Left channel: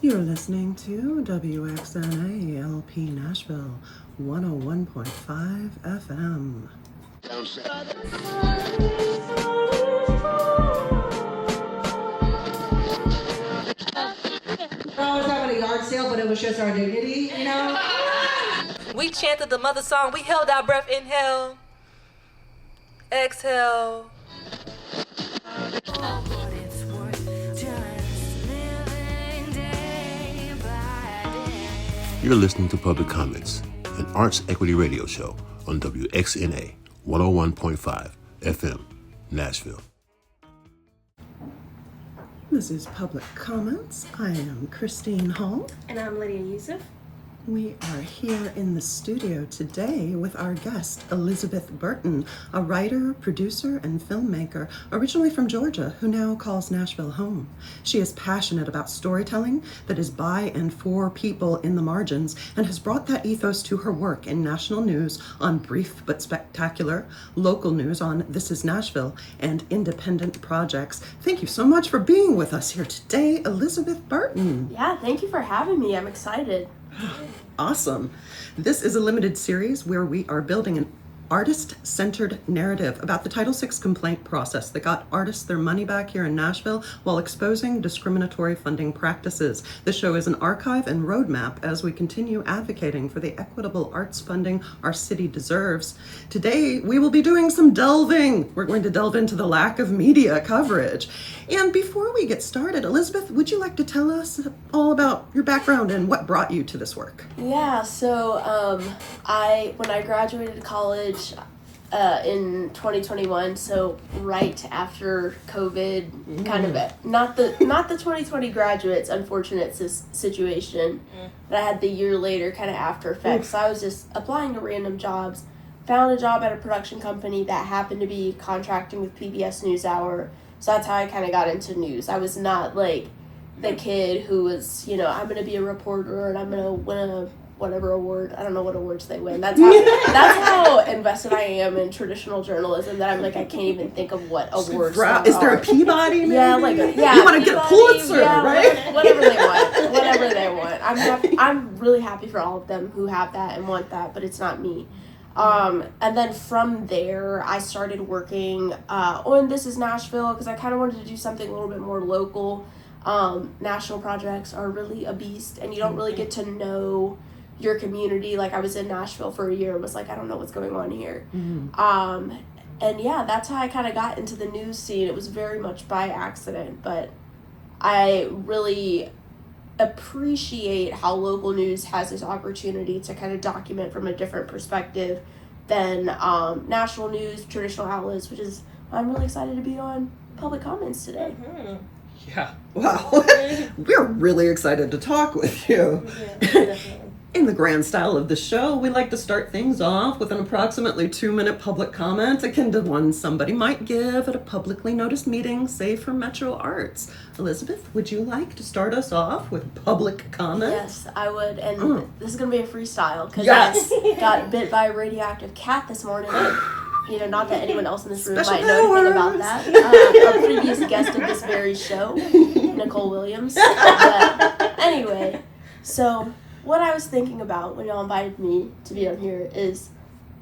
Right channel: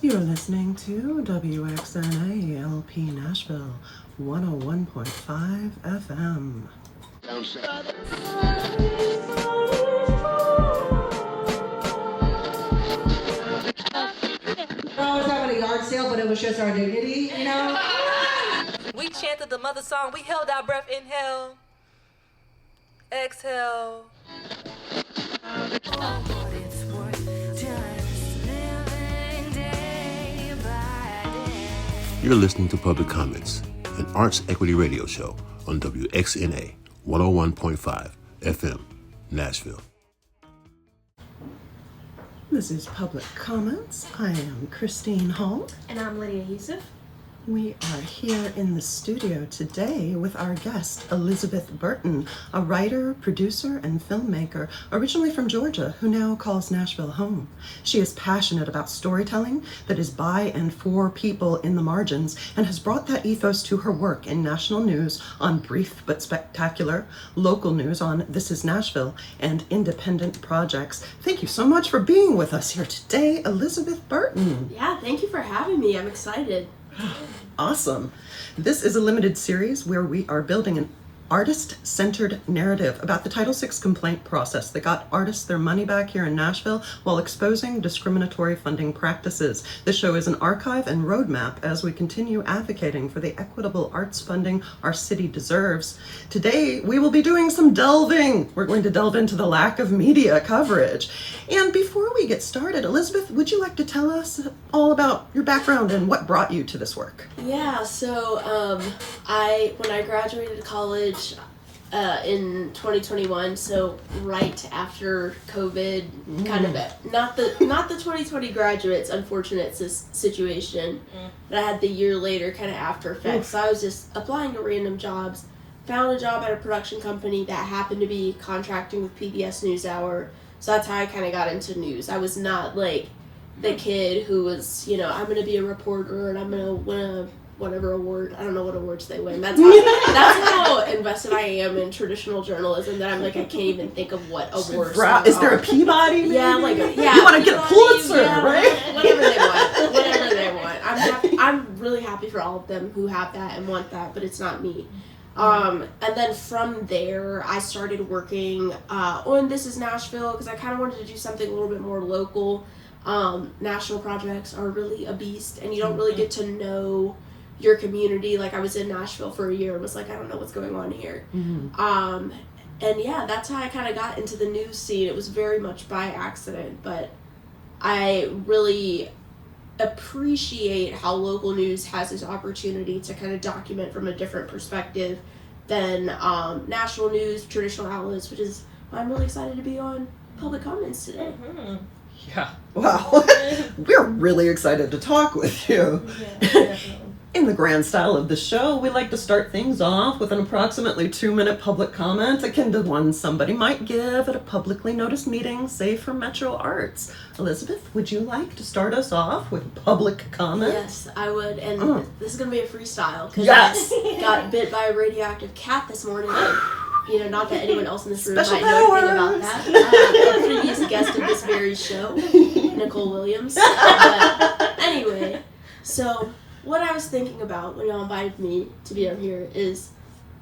You're listening to WXNA LP Nashville 101.5 FM. We're always having a yard sale, but it was just our dignity, you know? We chanted the mother song. We held our breath. Inhale. Exhale. You're listening to Public Comments, an arts equity radio show on WXNA 101.5 FM, Nashville. This is Public Comments. I am Christine Hall. And I'm Lydia Yousief. We are here in the studio today with our guest, Elizabeth Burton, a writer, producer, and filmmaker originally from Georgia who now calls Nashville home. She is passionate about storytelling that is by and for people in the margins and has brought that ethos to her work in national news on Brief but Spectacular, local news on This Is Nashville, and independent projects. Thank you so much for being with us here today, Elizabeth Burton. Yeah, thank you for having me. I'm excited. Awesome. This is a limited series where we are building an artist-centered narrative about the Title VI complaint process that got artists their money back here in Nashville while exposing discriminatory funding practices. The show is an archive and roadmap as we continue advocating for the equitable arts funding our city deserves. Today, we will be doing some delving. We're going to delve into the lack of media coverage. And before we get started, Elizabeth, would you like to tell us all about your background and what brought you to this work? Yeah, so when I graduated college in 2021, so right after COVID, kind of not the 2020 graduates, unfortunate situation, but I had the year later kind of after effects. So I was just applying to random jobs, found a job at a production company that happened to be contracting with PBS NewsHour. So that's how I kind of got into news. I was not like the kid who was, I'm going to be a reporter and I'm going to win a whatever award. I don't know what awards they win. That's how invested I am in traditional journalism that I'm like, I can't even think of what awards. Is there a Peabody maybe? Yeah, you want to get a Pulitzer, right? Whatever they want. I'm really happy for all of them who have that and want that, but it's not me. And then from there, I started working on This Is Nashville because I kind of wanted to do something a little bit more local. National projects are really a beast, and you don't really get to know your community. Like, I was in Nashville for a year and was like, I don't know what's going on here. And yeah, that's how I kind of got into the news scene. It was very much by accident, but I really appreciate how local news has this opportunity to kind of document from a different perspective than national news, traditional outlets, which is why I'm really excited to be on Public Comments today. Yeah. Wow. We're really excited to talk with you. Yeah, definitely. In the grand style of the show, we like to start things off with an approximately 2-minute public comment akin to one somebody might give at a publicly noticed meeting, say for Metro Arts. Elizabeth, would you like to start us off with public comment? Yes, I would. And this is going to be a freestyle because Yes. I got bit by a radioactive cat this morning. Not that anyone else in this room Special might know anything about that. A previous guest of this very show, Nicole Williams. Anyway, so what I was thinking about when y'all invited me to be on here is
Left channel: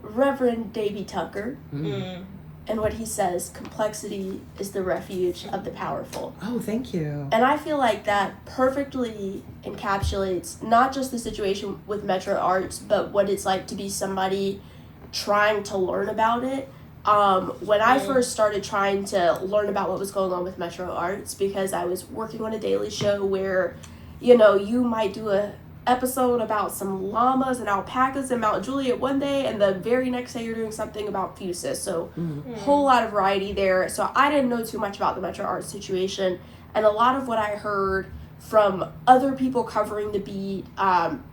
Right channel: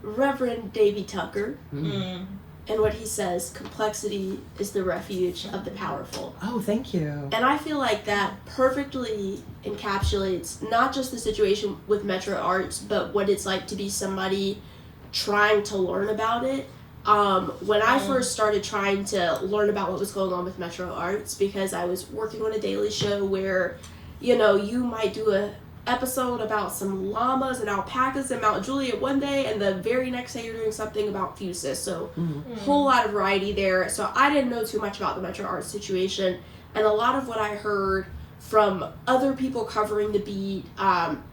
Reverend Davy Tucker and what he says, complexity is the refuge of the powerful. Oh, thank you. And I feel like that perfectly encapsulates not just the situation with Metro Arts, but what it's like to be somebody trying to learn about it. When I first started trying to learn about what was going on with Metro Arts, because I was working on a daily show where, you might do a episode about some llamas and alpacas in Mount Juliet one day, and the very next day you're doing something about fusus. So whole lot of variety there. So I didn't know too much about the Metro Arts situation, and a lot of what I heard from other people covering the beat,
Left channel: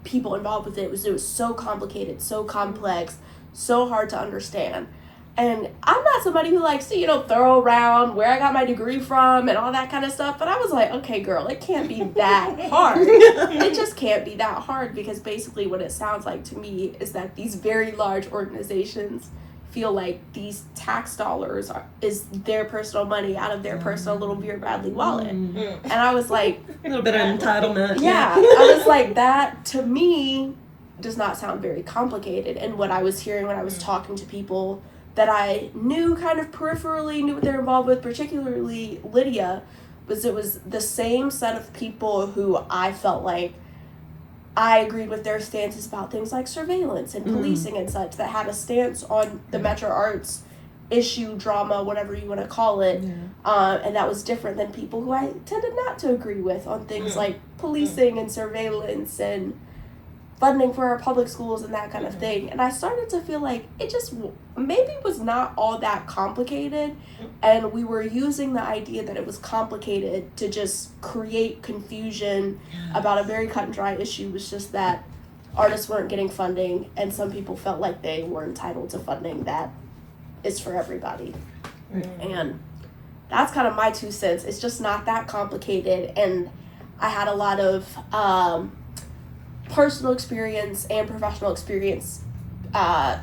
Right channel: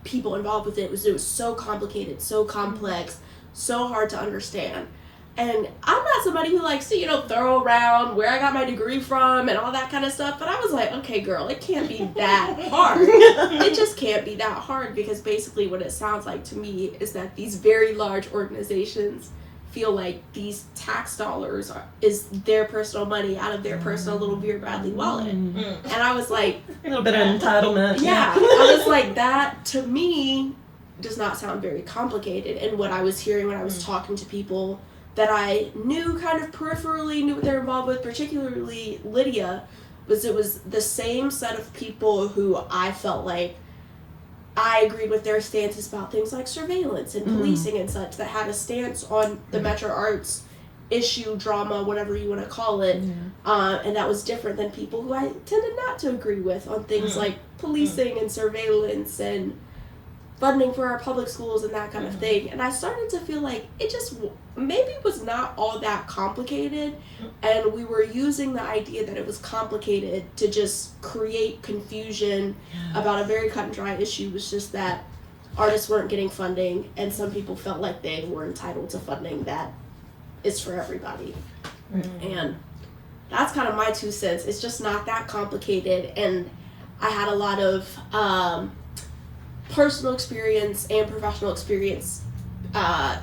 people involved with it was so complicated, so complex, so hard to understand. And I'm not somebody who likes to, throw around where I got my degree from and all that kind of stuff. But I was like, okay, girl, it can't be that hard. It just can't be that hard, because basically what it sounds like to me is that these very large organizations feel like these tax dollars is their personal money out of their personal little Vera Bradley wallet. And I was like, A little bit of entitlement. yeah, I was like, that to me does not sound very complicated. And what I was hearing when I was talking to people that I knew kind of peripherally, knew what they're involved with, particularly Lydia, was it was the same set of people who I felt like I agreed with their stances about things like surveillance and policing and such, that had a stance on the Metro Arts issue, drama, whatever you want to call it. And that was different than people who I tended not to agree with on things like policing and surveillance and funding for our public schools and that kind of thing. And I started to feel like it just maybe was not all that complicated, and we were using the idea that it was complicated to just create confusion about a very cut and dry issue. Was just that artists weren't getting funding, and some people felt like they were entitled to funding that is for everybody. And that's kind of my 2 cents. It's just not that complicated, and I had a lot of personal experience and professional experience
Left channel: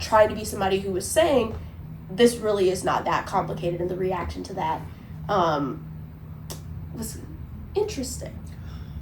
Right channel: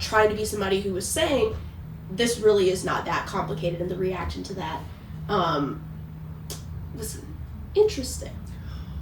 trying to be somebody who was saying this really is not that complicated, and the reaction to that was interesting.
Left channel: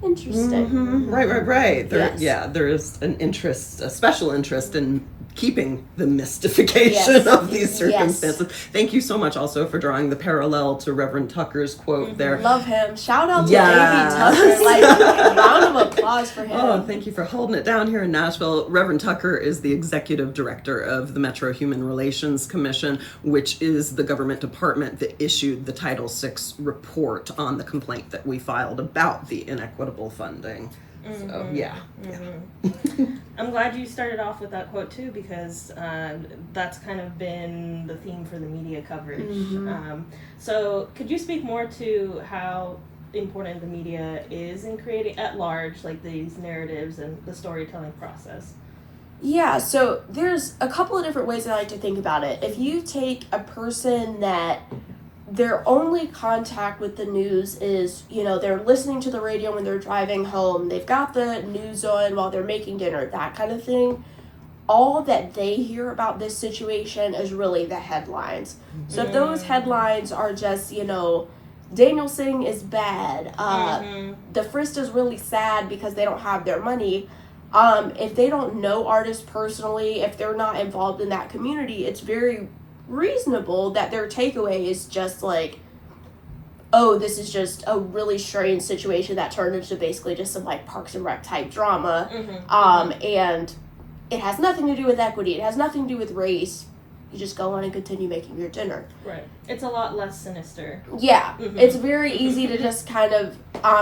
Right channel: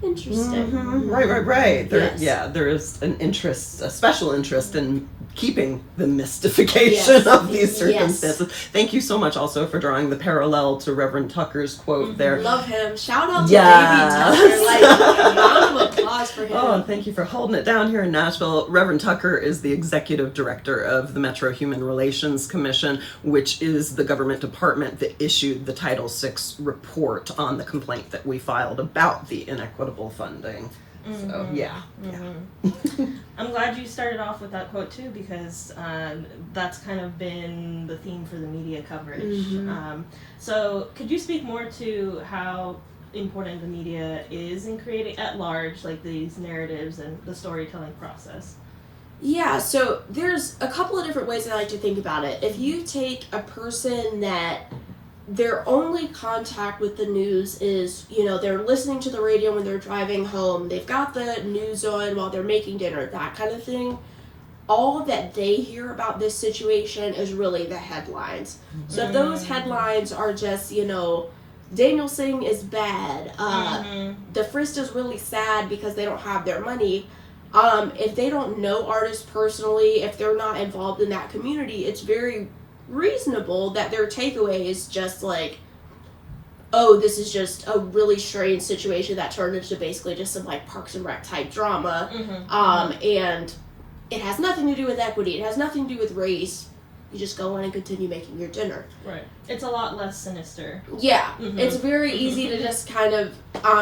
Right. There is an interest, a special interest in keeping the mystification of these circumstances. Thank you so much also for drawing the parallel to Reverend Tucker's quote there. Love him. Shout out to Baby Tucker. Like, round of applause for him. Oh, thank you for holding it down here in Nashville. Reverend Tucker is the executive director of the Metro Human Relations Commission, which is the government department that issued the Title VI report on the complaint that we filed about the inequitable funding. So, yeah. I'm glad you started off with that quote too, because that's kind of been the theme for the media coverage. So could you speak more to how important the media is in creating at large, like these narratives and the storytelling process? Yeah, so there's a couple of different ways I like to think about it. If you take a person that their only contact with the news is, they're listening to the radio when they're driving home, they've got the news on while they're making dinner, that kind of thing, all that they hear about this situation is really the headlines. So if those headlines are just, Daniel Singh is bad, the Frist is really sad because they don't have their money, if they don't know artists personally, if they're not involved in that community, it's very reasonable that their takeaway is just like, oh, this is just a really strange situation that turned into basically just some like Parks and Rec type drama, and it has nothing to do with equity, it has nothing to do with race. You just go on and continue making your dinner. Right. It's a lot less sinister. Yeah. It's very easy to just kind of,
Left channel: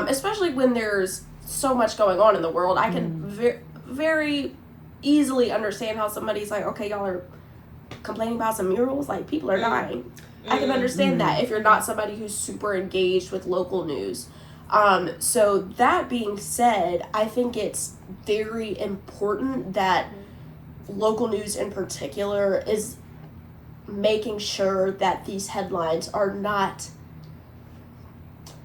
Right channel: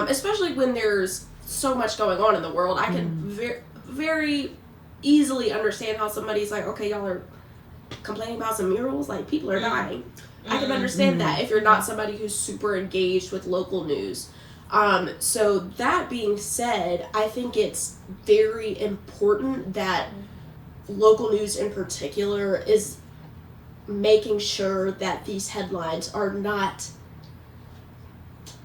especially when there's so much going on in the world, I can very easily understand how somebody's like, okay, y'all are complaining about some murals, like people are dying. I can understand that if you're not somebody who's super engaged with local news. So that being said, I think it's very important that local news in particular is making sure that these headlines are not,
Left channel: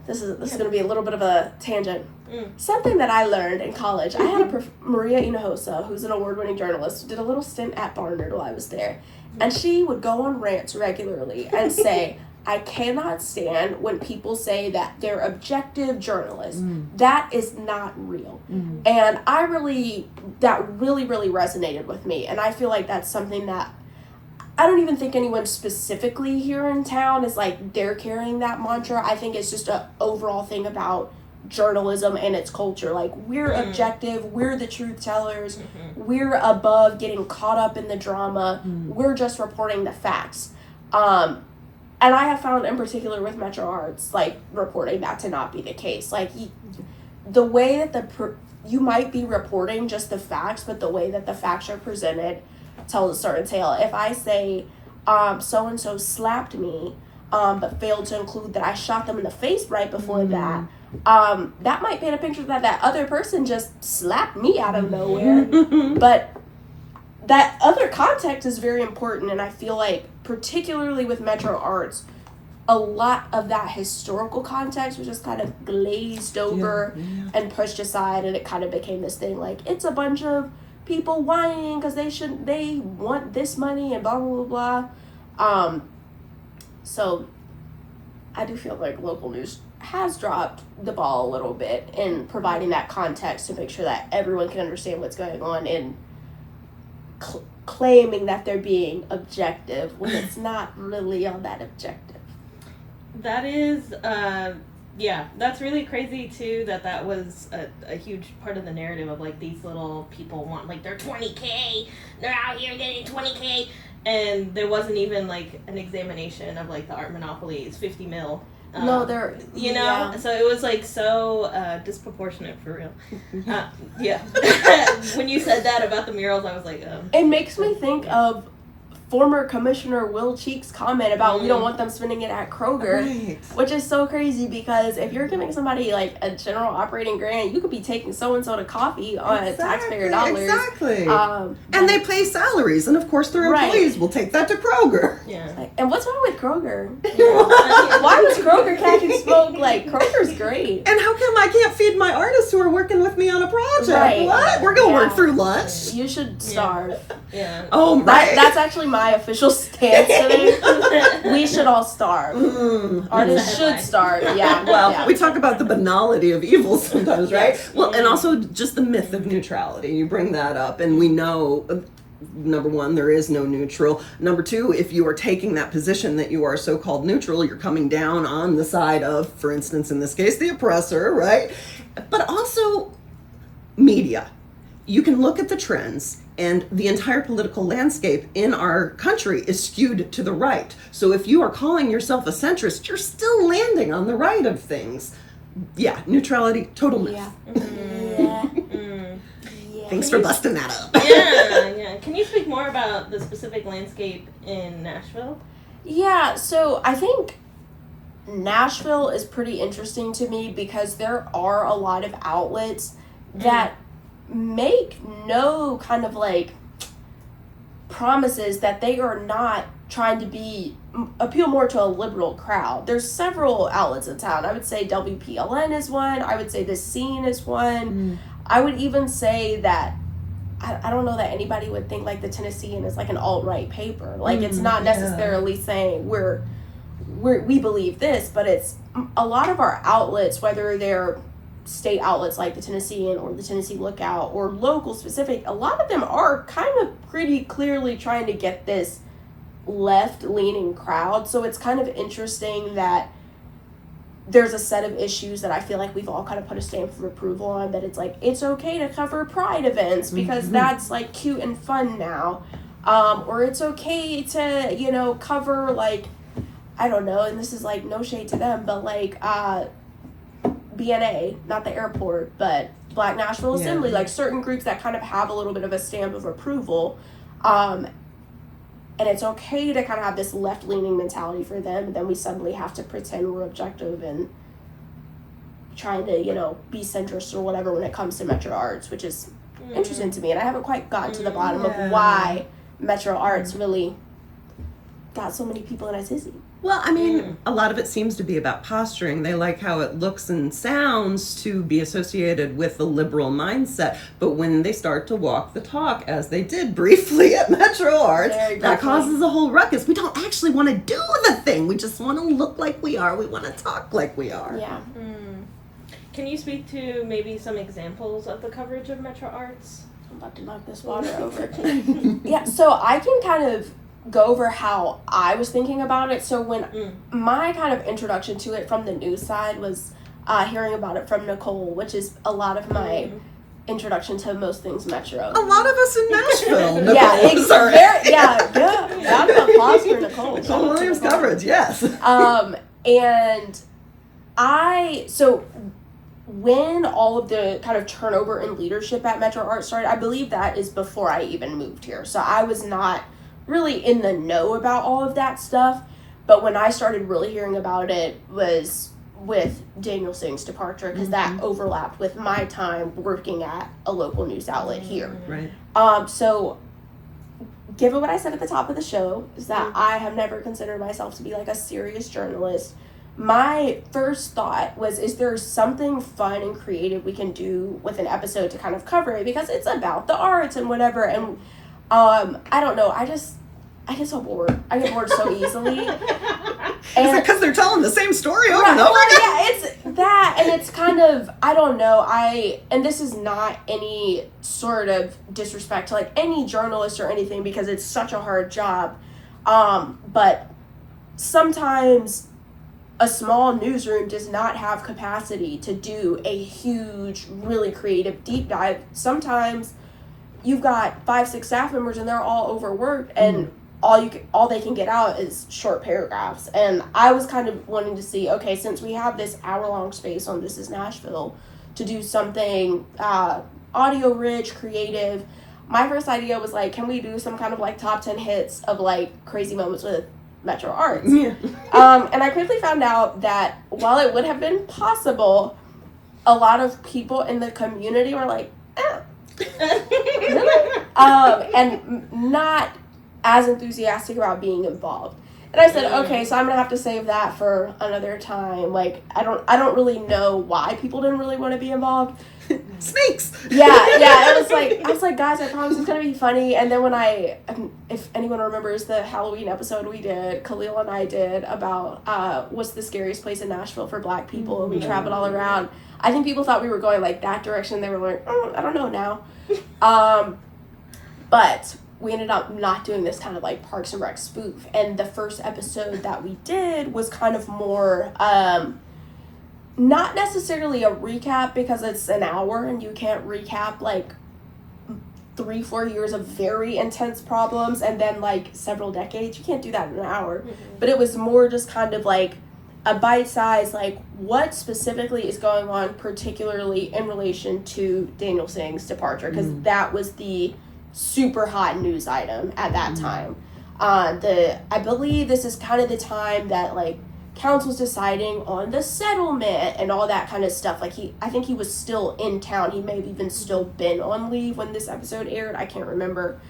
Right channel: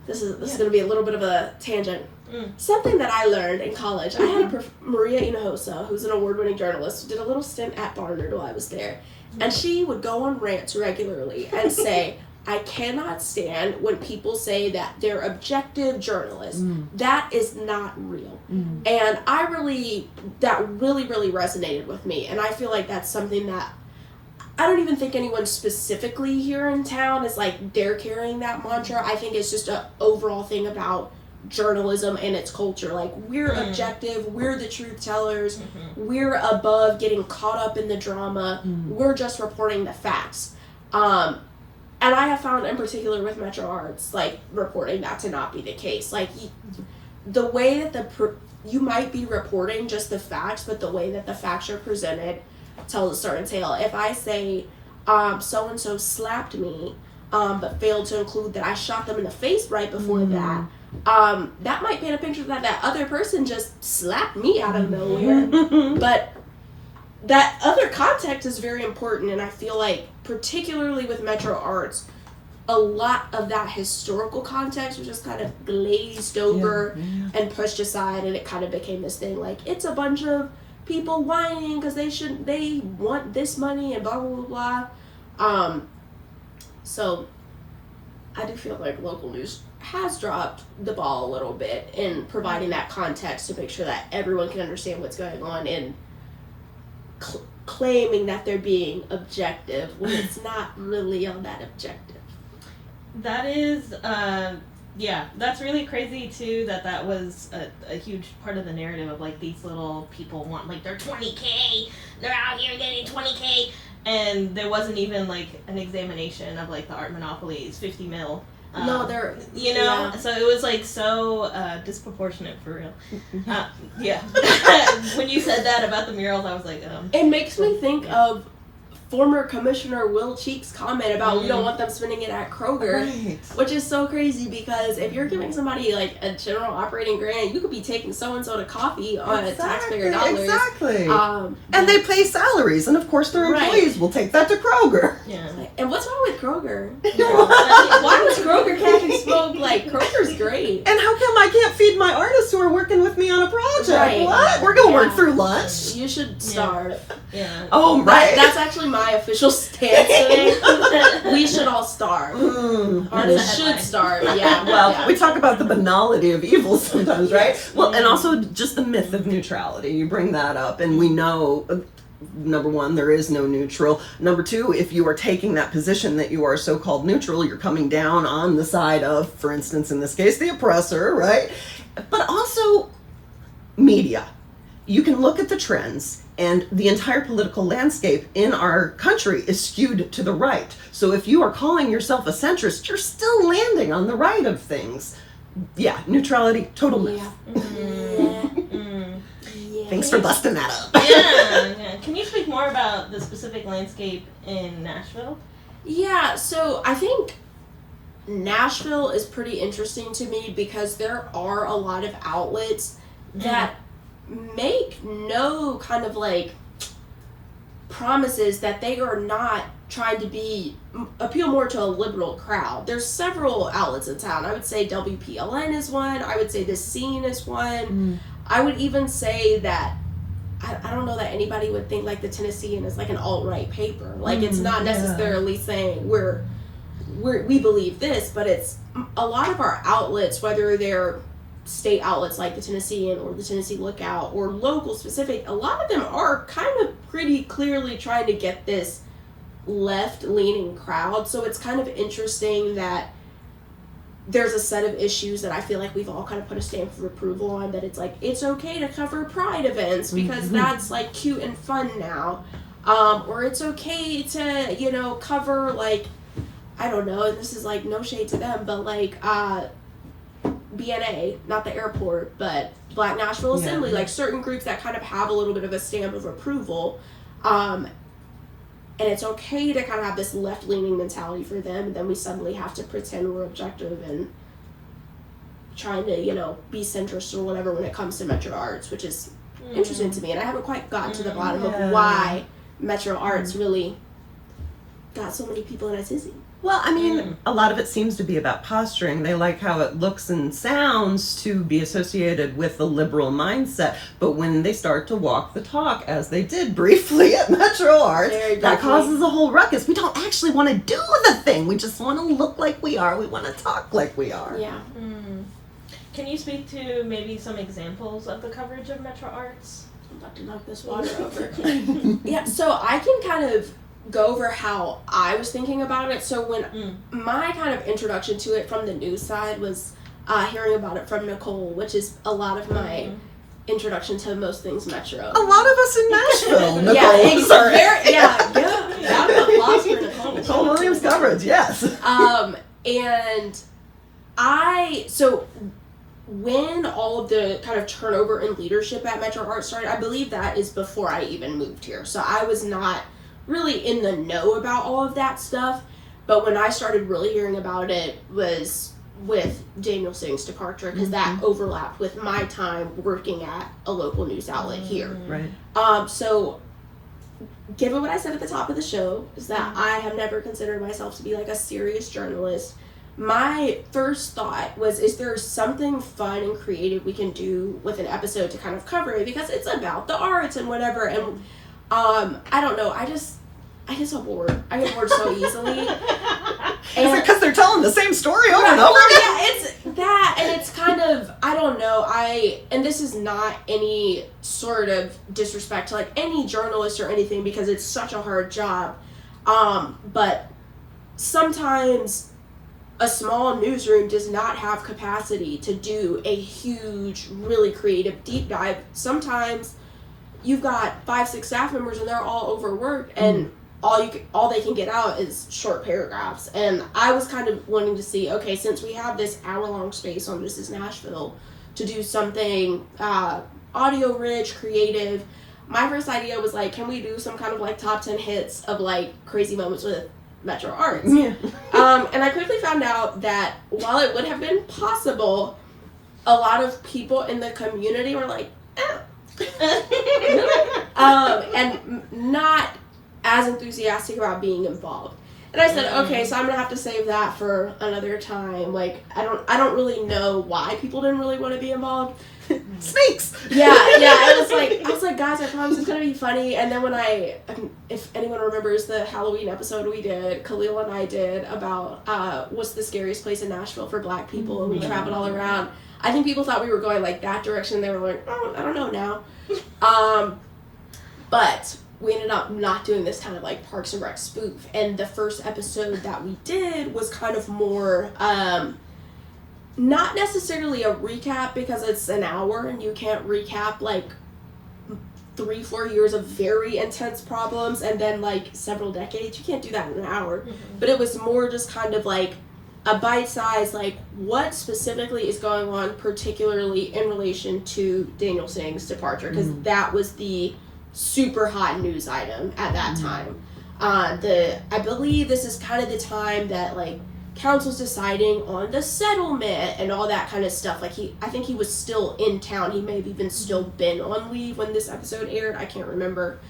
this is going to be a little bit of a tangent. Something that I learned in college, I had Maria Hinojosa, who's an award-winning journalist, who did a little stint at Barnard while I was there. And she would go on rants regularly and say, I cannot stand when people say that they're objective journalists. That is not real. And that really resonated with me. And I feel like that's something that I don't even think anyone specifically here in town is like they're carrying that mantra. I think it's just an overall thing about journalism and its culture. Like, we're objective, we're the truth tellers, we're above getting caught up in the drama, we're just reporting the facts. And I have found in particular with Metro Arts, like, reporting that to not be the case. Like, the way that you might be reporting just the facts, but the way that the facts are presented tells a certain tale. If I say so-and-so slapped me, but failed to include that I shot them in the face right before that, that might paint a picture that other person just slapped me out of nowhere. But that other context is very important, and I feel like particularly with Metro Arts, a lot of that historical context was just kind of glazed over and pushed aside, and it kind of became this thing like, it's a bunch of people whining because they want this money and blah blah blah blah. So I do feel like local news has dropped the ball a little bit in providing that context to make sure that everyone can understand what's going on, and claiming that they're being objective when it's not really all that objective. That is, yeah, that's really crazy too, that was a huge part of the narrative of like these little people want, like, they're 20K, they're out here getting 20K, and there wasn't even like an examination of like the art monopoly is 50 mil. No, they're, you know, so it was like so disproportionate for real. Yeah. When you said that about the murals, I was like, It makes me think of former Commissioner Will Cheek's comment about we don't want them spending it at Kroger, Right. which is so crazy because if you're giving somebody like a general operating grant, you could be taking so-and-so to coffee on taxpayer dollars. Exactly. And And they pay salaries, and of course their employees will take that to Kroger. yeah. And what's wrong with Kroger? Why was Kroger catching smoke? Like, Kroger's great. And how come I can't feed my artists who are working with me on a project? Right. What? We're gonna work Yeah. through lunch? You should starve. Yeah. Oh, right. That's actually my official stance today. We should all starve. Artists should starve. Yeah. Well, yeah. we talk about the banality of evil sometimes, right? Well, and also just the myth of neutrality. You bring that up, and we know, number one, there is no neutral. Number two, if you are taking that position that you are so-called neutral, you're coming down on the side of, for instance, in this case, the oppressor, right? But also media. You can look at the trends, and the entire political landscape in our country is skewed to the right. So if you are calling yourself a centrist, you're still landing on the right of things. Yeah, neutrality, total myth. Yeah. Thanks for busting that up. Yeah. Can you speak more about the specific landscape in Nashville? Yeah, so I think Nashville is pretty interesting to me because there are a lot of outlets that make no kind of like promises that they are not trying to appeal more to a liberal crowd. There's several outlets in town. I would say WPLN is one. I would say The Scene is one. I would even say that I don't know that anybody would think like the Tennessean is like an alt-right paper. Like it's not necessarily saying we believe this, but it's a lot of our outlets, whether they're state outlets like the Tennessean or the Tennessee Lookout or local specific, a lot of them are kind of pretty clearly trying to get this left-leaning crowd. So it's kind of interesting that there's a set of issues that I feel like we've all kind of put a stamp of approval on, that it's like, it's okay to cover pride events because that's like cute and fun now. Or it's okay to, you know, cover like, I don't know, and this is like no shade to them, but like BNA, not the airport, but Black Nashville Assembly, like certain groups that kind of have a little bit of a stamp of approval. And it's okay to kind of have this left-leaning mentality for them, and then we suddenly have to pretend we're objective and trying to, you know, be centrist or whatever when it comes to Metro Arts, which is interesting to me. And I haven't quite gotten to the bottom of why Metro Arts really got so many people in a tizzy. Well, I mean, a lot of it seems to be about posturing. They like how it looks and sounds to be associated with the liberal mindset. But when they start to walk the talk, as they did briefly at Metro Arts, that causes a whole ruckus. We don't actually want to do the thing. We just want to look like we are. We want to talk like we are. Yeah. Can you speak to maybe some examples of the coverage of Metro Arts? I'm about to knock this water over. Yeah, so I can kind of go over how I was thinking about it. So when my kind of introduction to it from the news side was hearing about it from Nicole, which is a lot of my introduction to most things Metro. A lot of us in Nashville, Nicole. Yeah, Sorry. round of applause for Nicole. Nicole Williams coverage, yes. And so when all of the kind of turnover in leadership at Metro Arts started, I believe that is before I even moved here. So I was not really in the know about all of that stuff, but when I started really hearing about it was with Daniel Singh's departure, because that overlapped with my time working at a local news outlet here. Right. So given what I said at the top of the show, is that I have never considered myself to be like a serious journalist. my first thought was, is there something fun and creative we can do with an episode to kind of cover it, because it's about the arts and whatever. And I don't know, I get so bored. I get bored so easily. Is it because they're telling the same story over and over again? Yeah, it's that, and it's kind of, I don't know, and this is not any sort of disrespect to, like, any journalist or anything, because it's such a hard job, but sometimes a small newsroom does not have capacity to do a huge, really creative deep dive. Sometimes you've got 5-6 staff members and they're all overworked, and all they can get out is short paragraphs. And I was kind of wanting to see, okay, since we have this hour-long space on This Is Nashville, to do something audio rich, creative. My first idea was like, can we do some kind of like top 10 hits of like crazy moments with Metro Arts? Yeah. And I quickly found out that while it would have been possible, a lot of people in the community were like, and not as enthusiastic about being involved. And I said, okay, so I'm gonna have to save that for another time. Like, I don't really know why people didn't really want to be involved. Snakes. Yeah. I was like, guys, I promise it's gonna be funny. And then when if anyone remembers the Halloween episode we did, Khalil and I did about what's the scariest place in Nashville for Black people, and we traveled all around. I think people thought we were going like that direction. They were like, I don't know now. But we ended up not doing this kind of like Parks and Rec spoof. And the first episode that we did was kind of more, not necessarily a recap, because it's an hour and you can't recap like 3-4 years of very intense problems and then like several decades. You can't do that in an hour. Mm-hmm. But it was more just kind of like a bite size, like what specifically is going on, particularly in relation to Daniel Singh's departure, because that was the super hot news item at that time. I believe this is kind of the time that like council's deciding on the settlement and all that kind of stuff. Like I think he was still in town. He may have even still been on leave when this episode aired. I can't remember.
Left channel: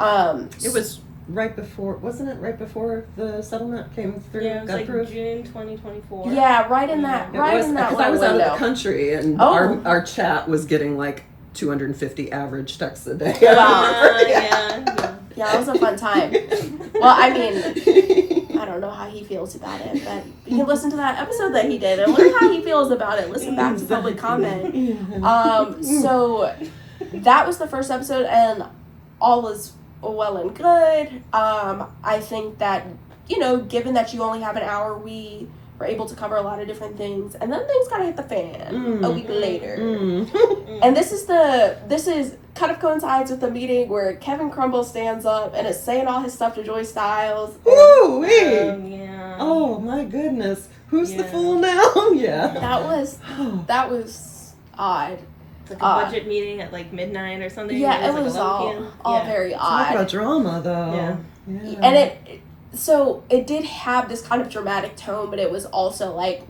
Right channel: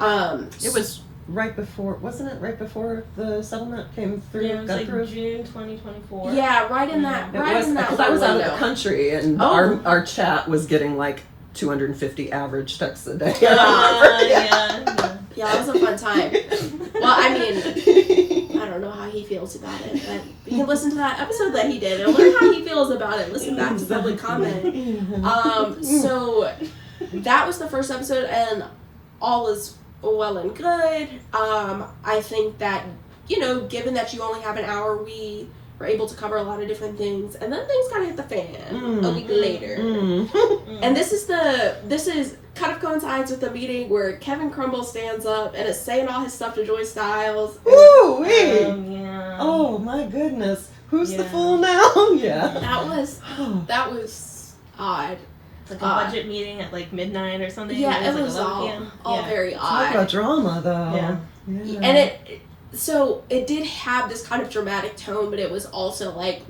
It was right before, wasn't it? Right before the settlement came through? Yeah, it was like June 2024. Yeah, right in that. It right was, in that. because I was out of window. the country, and our chat was getting like 250 average texts a day. Yeah, that was a fun time. Well, I mean, I don't know how he feels about it, but you can listen to that episode that he did and learn how he feels about it. Listen back to public comment. So that was the first episode, and all was well and good. I think that, given that you only have an hour, we were able to cover a lot of different things, and then things kind of hit the fan a week later. And this is kind of coincides with the meeting where Kevin Crumble stands up and is saying all his stuff to Joy Styles. Ooh, yeah. Oh my goodness, who's the fool now? Yeah, that was odd. Like a budget meeting at like midnight or something. Yeah, it like was 11 p.m. all very odd. Talk about drama, though. Yeah. And it did have this kind of dramatic tone, but it was also like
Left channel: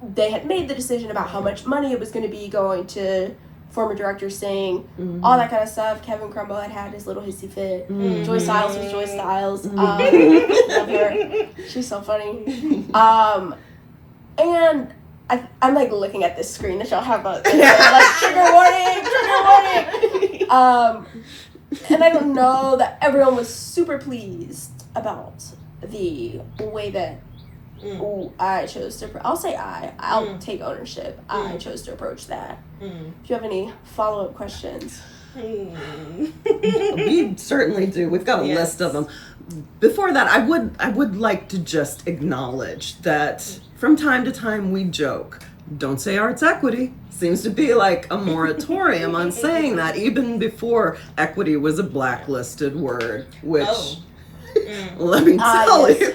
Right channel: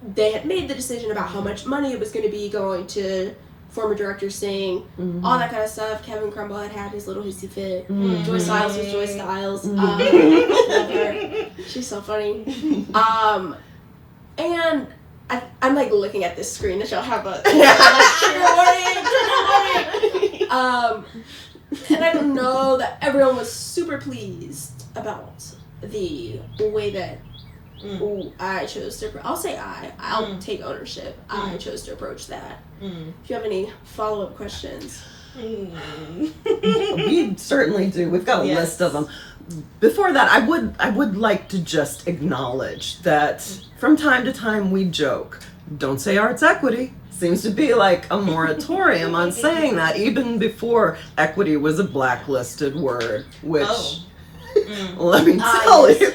they had made the decision about how much money it was going to be going to former director Singh, all that kind of stuff. Kevin Crumble had his little hissy fit. Joy Styles was Joy Styles. Love her. She's so funny. And I'm like looking at this screen that y'all have like trigger warning. And I don't know that everyone was super pleased about the way that I chose to. I'll say I'll take ownership. I chose to approach that. If you have any follow-up questions. We certainly do. We've got a list of them. Before that, I would like to just acknowledge that from time to time we joke, don't say arts equity. Seems to be like a moratorium on saying that, even before equity was a blacklisted word, which let me tell you.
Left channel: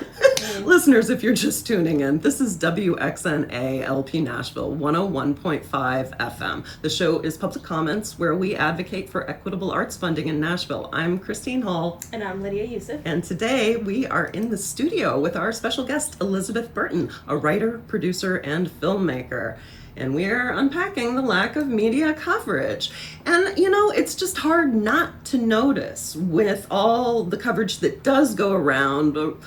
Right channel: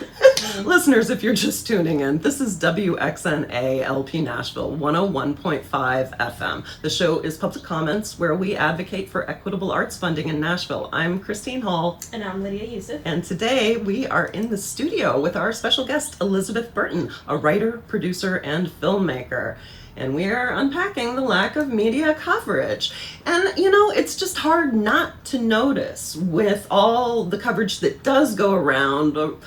Listeners, if you're just tuning in, this is WXNA LP Nashville 101.5 FM. The show is Public Comments, where we advocate for equitable arts funding in Nashville. I'm Christine Hall. And I'm Lydia Yousief. And today we are in the studio with our special guest, Elizabeth Burton, a writer, producer, and filmmaker. And we are unpacking the lack of media coverage. And, it's just hard not to notice with all the coverage that does go around about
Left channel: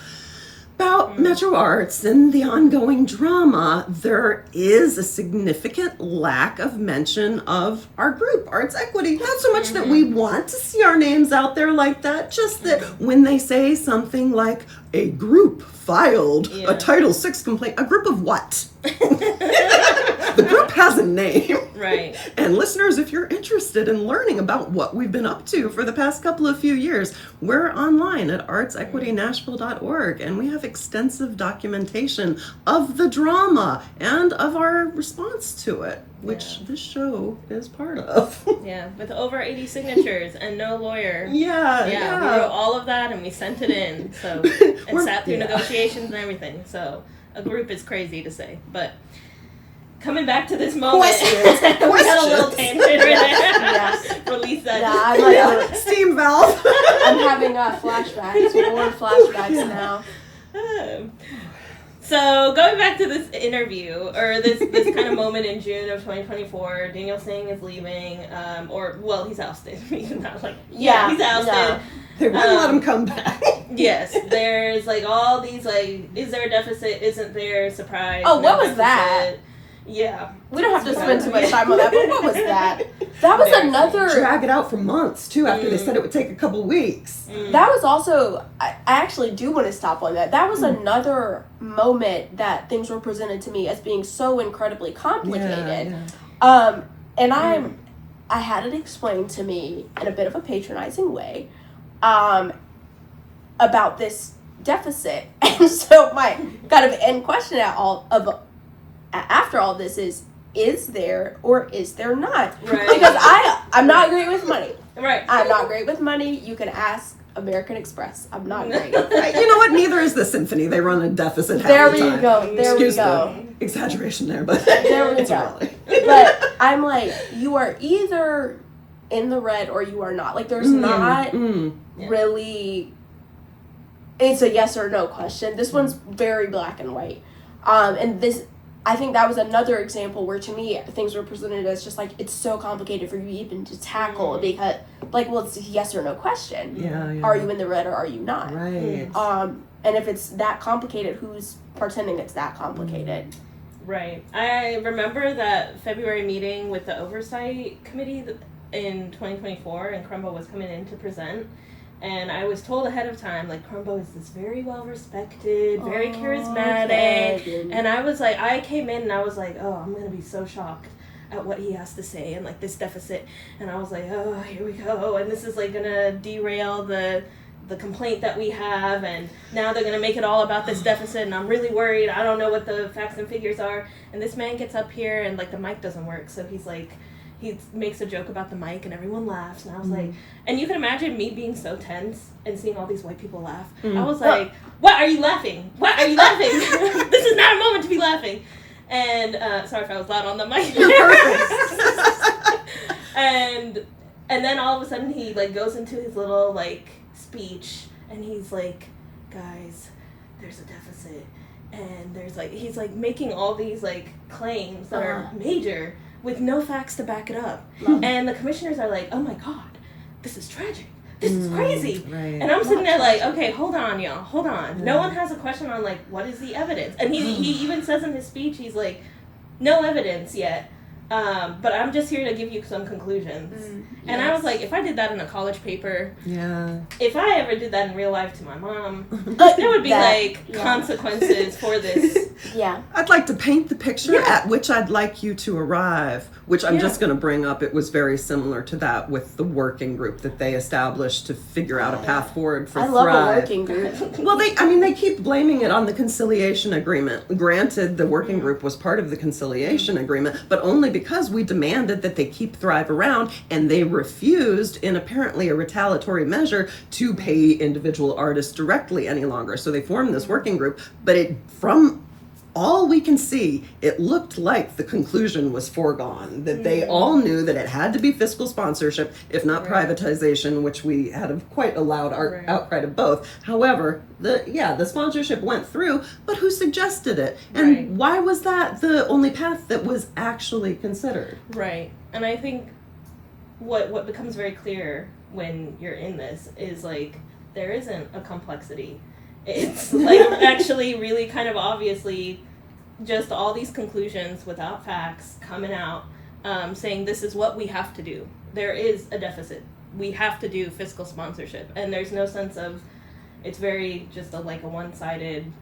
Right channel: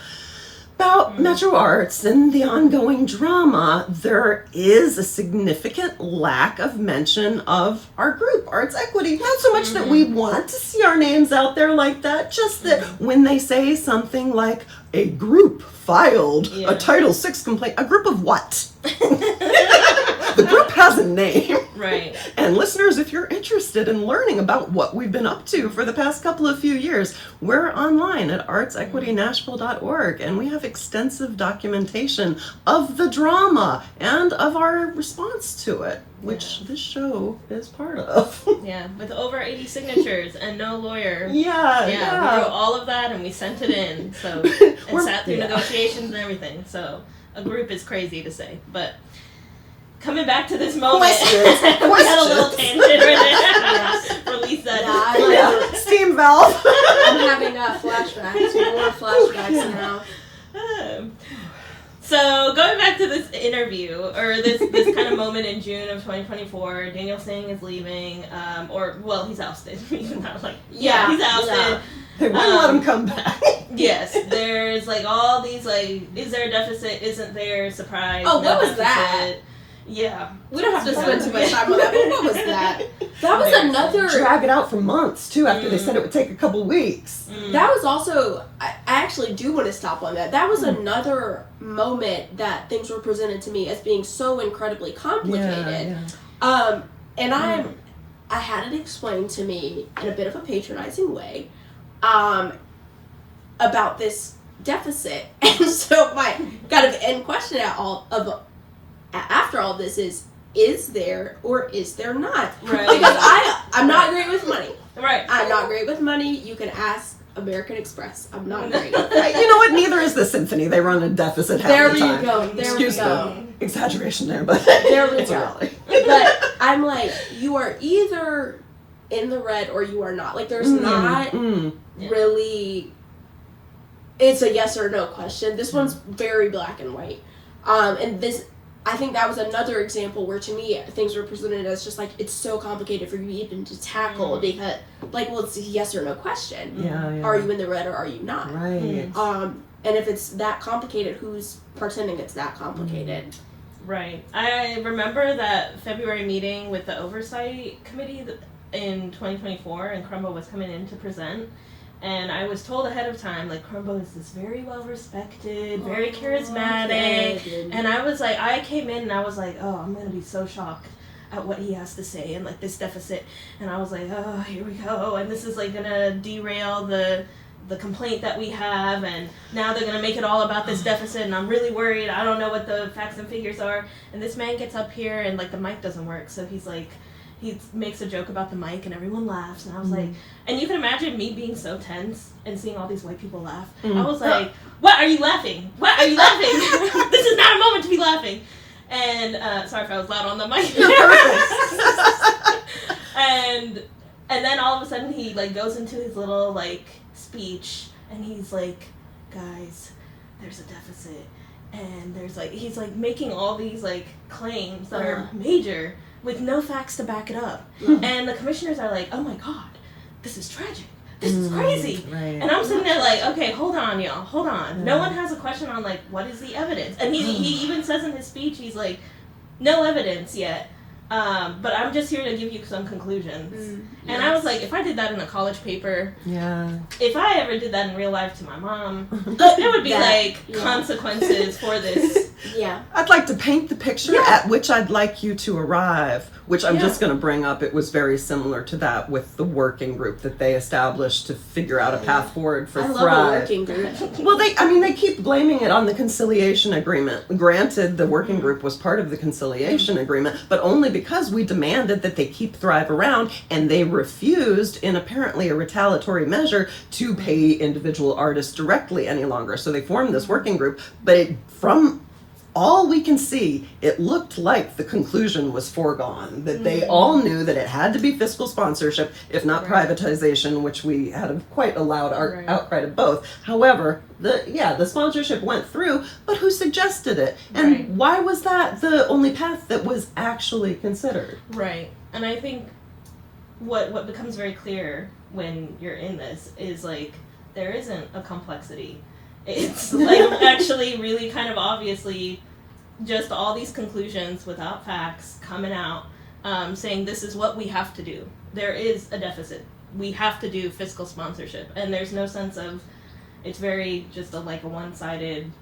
about Metro Arts and the ongoing drama, there is a significant lack of mention of our group, Arts Equity. Not so much that we want to see our names out there like that, just that when they say something like a group filed a Title VI complaint, a group of what? The group has a name. Right. And listeners, if you're interested in learning about what we've been up to for the past couple of few years, we're online at artsequitynashville.org, and we have extensive documentation of the drama and of our response to it, which this show is part of. Yeah, with over 80 signatures and no lawyer. Yeah. We wrote all of that and we sent it in. So and sat through negotiations and everything. So a group is crazy to say, but coming back to this moment, Questions. we had a little tangent right there. Release that. Yeah, I'm, Steam valve. I'm having flashbacks, more flashbacks now. So going back to this interview, or this kind of moment in June of 2024, Daniel Singh is leaving, he's ousted. He's ousted. Yeah. They wouldn't let him come back. Yes, there's like all these like, is there a deficit? Isn't there? Surprise. Oh, no what was deficit. that? Yeah. We don't have to spend too much time on that, but what was that? That was another... Drag it out for months, too, after they said it would take a couple weeks. That was also... I actually do want to stop on that. That was another moment that things were presented to me as being so incredibly complicated. And I had it explained to me in a bit of a patronizing way about this deficit. And so my kind of end question after all this is there or is there not? Right. Because I'm not great with money. Right. I'm not great with money. You can ask American Express. I'm not great. You know what? Neither is the symphony. They run a deficit half the time. There Excuse we go. the exaggeration there, but There we it's go. a rally. But I'm like, you are either in the red or you are not. Like, there's not really... It's a yes or no question. This one's very black and white. And this... I think that was another example where, to me, things were presented as just like, it's so complicated for you even to tackle because, like, well, it's a yes or no question. Yeah. Are you in the red or are you not? Right. And if it's that complicated, who's pretending it's that complicated? Right. I remember that February meeting with the Oversight Committee in 2024, and Crumbo was coming in to present. And I was told ahead of time, like, Crumbo is this very well-respected, very charismatic. Okay. And I was like, I came in and I was like, oh, I'm going to be so shocked at what he has to say and, like, this deficit. And I was like, oh, here we go. And this is, like, going to derail the complaint that we have. And now they're going to make it all about this deficit. And I'm really worried. I don't know what the facts and figures are. And this man gets up here and, like, the mic doesn't work. So he's like... He makes a joke about the mic and everyone laughs, and I was like, and you can imagine me being so tense and seeing all these white people laugh. I was like, what are you laughing? What are you laughing? This is not a moment to be laughing. And sorry if I was loud on the mic. You're perfect. and then all of a sudden he like goes into his little like speech and he's like, guys, there's a deficit, and there's like he's like making all these like claims that are major with no facts to back it up. And the commissioners are like, oh my God, this is tragic. This is crazy. Right. And I'm sitting there like, okay, hold on, y'all. Hold on. No one has a question on, like, what is the evidence? And he even says in his speech, he's like, no evidence yet. But I'm just here to give you some conclusions. And I was like, if I did that in a college paper, if I ever did that in real life to my mom, there would be consequences for this. I'd like to paint the picture at which I'd like you to arrive, which I'm just going to bring up. It was very similar to that with the working group that they established to figure out a path forward for I Thrive. love a working group. Well, they keep blaming it on the conciliation agreement. Granted, the working group was part of the conciliation agreement, but only because we demanded that they keep Thrive around, and they refused, in apparently a retaliatory measure, to pay individual artists directly any longer. So they formed this working group, but from all we can see, it looked like the conclusion was foregone, that they all knew that it had to be fiscal sponsorship, if not privatization, which we had quite a loud outcry to both. However, the sponsorship went through, but who suggested it? And why was that the only path that was actually considered? Right. And I think what becomes very clear when you're in this is, like, there isn't a complexity It's like actually really kind of obviously just all these conclusions without facts coming out, saying this is what we have to do. There is a deficit. We have to do fiscal sponsorship, and there's no sense of, it's very just a one-sided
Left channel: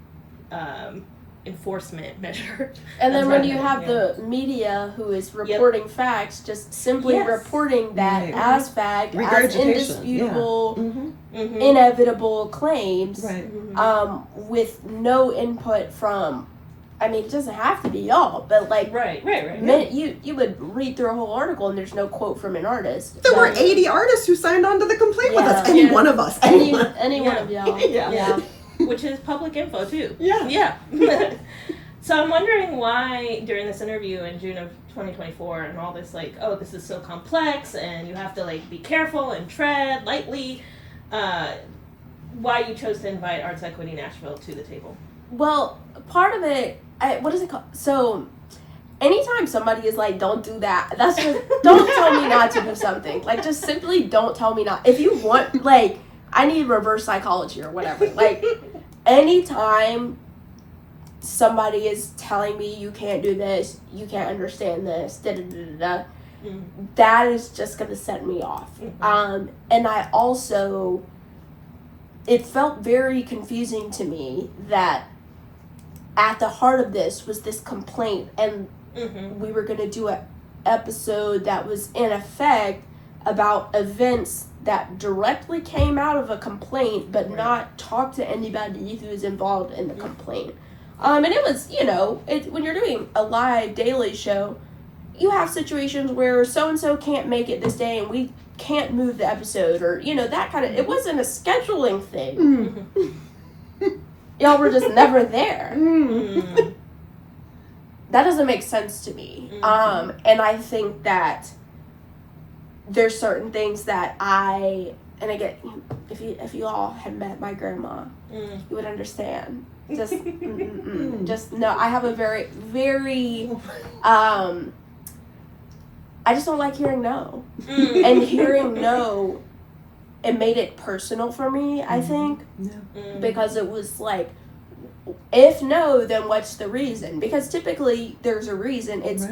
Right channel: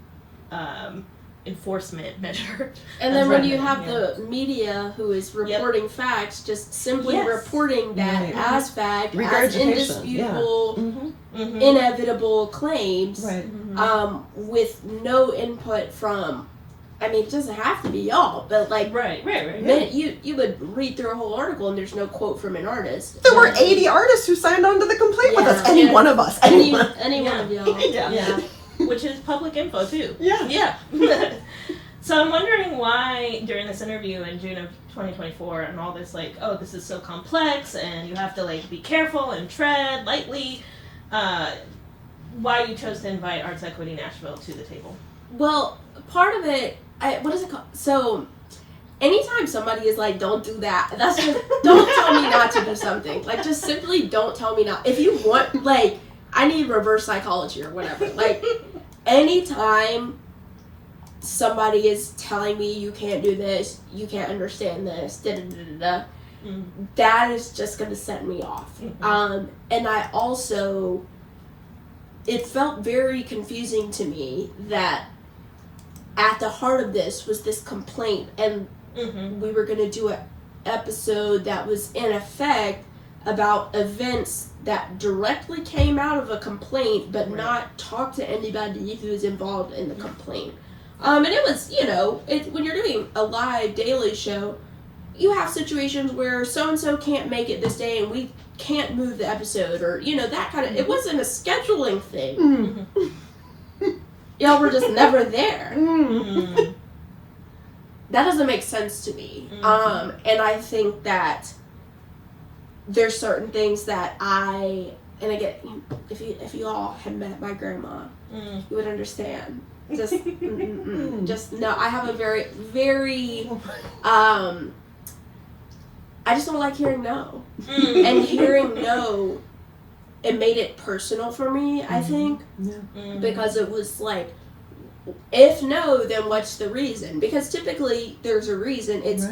enforcement measure. And then when you happening, have the media who is reporting facts, just simply Yes. reporting that Right. as fact, as Regurgitation, indisputable, Mhm. inevitable claims, Right. with no input from, I mean, it doesn't have to be y'all, but like, Right. you would read through a whole article and there's no quote from an artist. There were But 80 artists who signed on to the complaint with us. Yeah. Any Yeah. one of us. any Anyone. one of y'all. Yeah. Which is public info too. Yeah. So I'm wondering why during this interview in June of 2024 and all this this is so complex and you have to be careful and tread lightly, why you chose to invite Arts Equity Nashville to the table. Well, part of it, what is it called? So, anytime somebody is like, don't do that, that's just, don't tell me not to do something. Like, just simply don't tell me not. If you want, I need reverse psychology or whatever. Anytime somebody is telling me you can't do this, you can't understand this, that is just going to set me off. And I also, it felt very confusing to me that at the heart of this was this complaint, and we were going to do an episode that was in effect about events that directly came out of a complaint but not talk to anybody who is involved in the complaint. And it was, when you're doing a live daily show, you have situations where so-and-so can't make it this day and we can't move the episode, or, that kind of, it wasn't a scheduling thing. Y'all were just never there. That doesn't make sense to me. And I think that there's certain things that and again, if you all had met my grandma, you would understand. Just, just no. I have a very, very, I just don't like hearing no. And hearing no, it made it personal for me, I think. Because it was like, if no, then what's the reason? Because typically there's a reason. It's,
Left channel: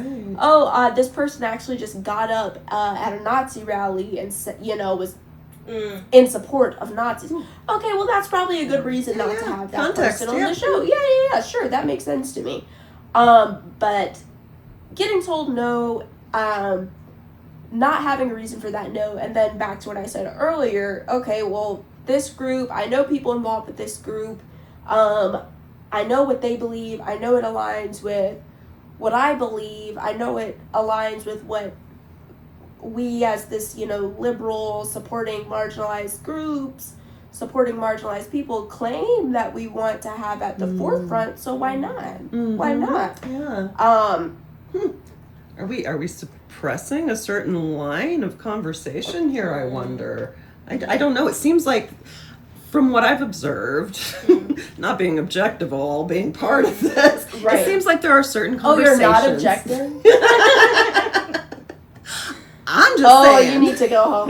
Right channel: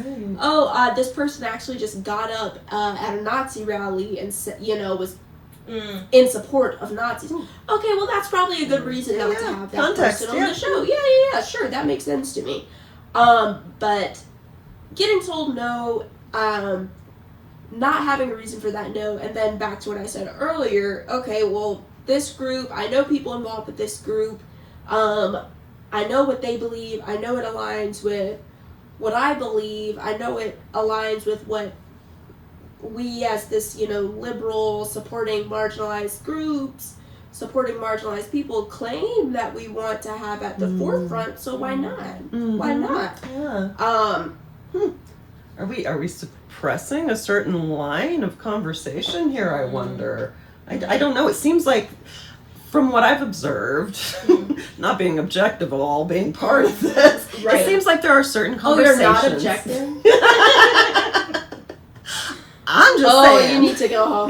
this person actually just got up at a Nazi rally and, was in support of Nazis. Okay, well, that's probably a good reason not to have that Context, person on the show. Yeah, sure, that makes sense to me. But getting told no, not having a reason for that no, and then back to what I said earlier, okay, well, this group, I know people involved with this group, I know what they believe, I know it aligns with what I believe, I know it aligns with what we as this, liberal, supporting marginalized groups, supporting marginalized people claim that we want to have at the forefront, so why not? Why not? Are we suppressing a certain line of conversation here, I wonder? I don't know. It seems like, from what I've observed, not being objective at all, being part of this, it seems like there are certain conversations. Oh, you're not objective? I'm just saying. You need to go home.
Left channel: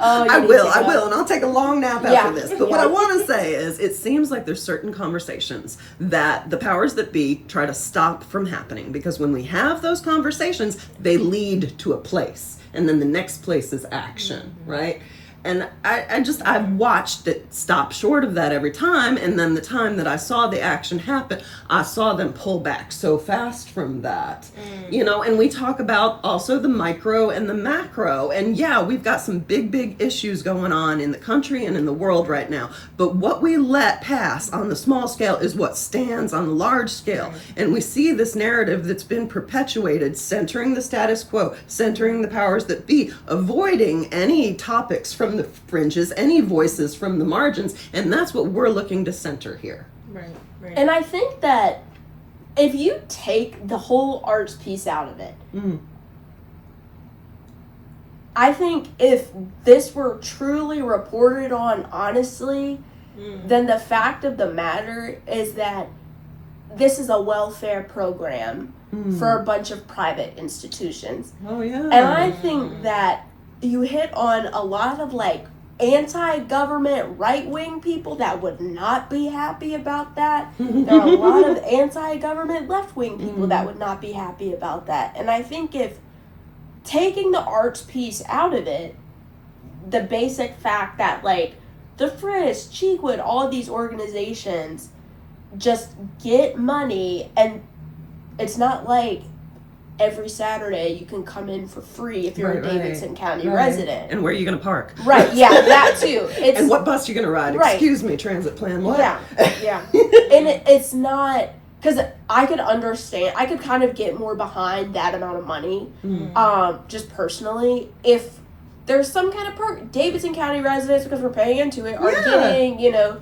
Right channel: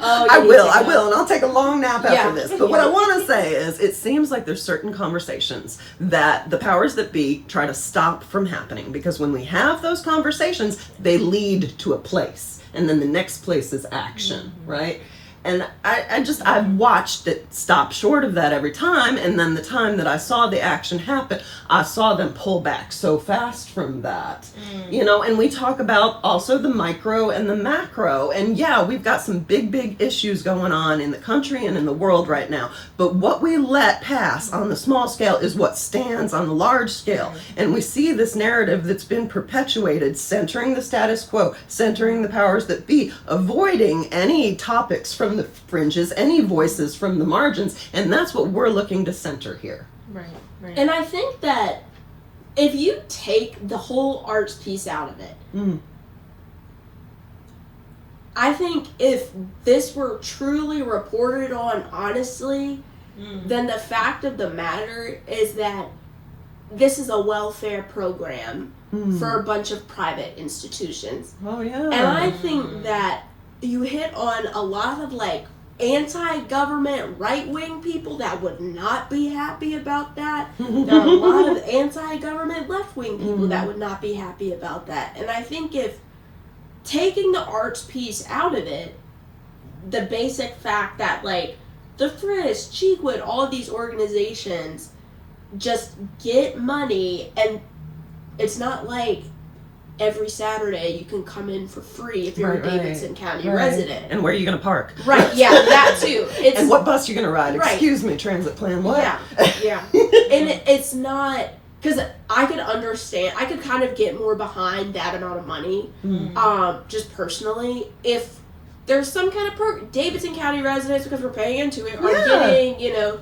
I will, and I'll take a long nap after this. But what I want to say is, it seems like there's certain conversations that the powers that be try to stop from happening, because when we have those conversations, they lead to a place, and then the next place is action, right? And I've watched it stop short of that every time. And then the time that I saw the action happen, I saw them pull back so fast from that, and we talk about also the micro and the macro. And we've got some big issues going on in the country and in the world right now. But what we let pass on the small scale is what stands on the large scale. And we see this narrative that's been perpetuated, centering the status quo, centering the powers that be, avoiding any topics from the fringes, any voices from the margins, and that's what we're looking to center here. Right. And I think that if you take the whole arts piece out of it, I think if this were truly reported on honestly, then the fact of the matter is that this is a welfare program for a bunch of private institutions. Oh, yeah. And I think that you hit on a lot of anti-government right-wing people that would not be happy about that. There are a lot of anti-government left-wing people that would not be happy about that. And I think if taking the arts piece out of it, the basic fact that, like, the Frisk, Cheekwood, all of these organizations just get money, and it's not like every Saturday you can come in for free if you're a Davidson County resident. And where are you going to park? Right, yeah, that too. And what bus you going to ride? Right. Excuse me, transit plan, what? Yeah. And it's not, because I could understand, I could kind of get more behind that amount of money, just personally, if there's some kind of Davidson County residents, because we're paying into it, are getting, you know,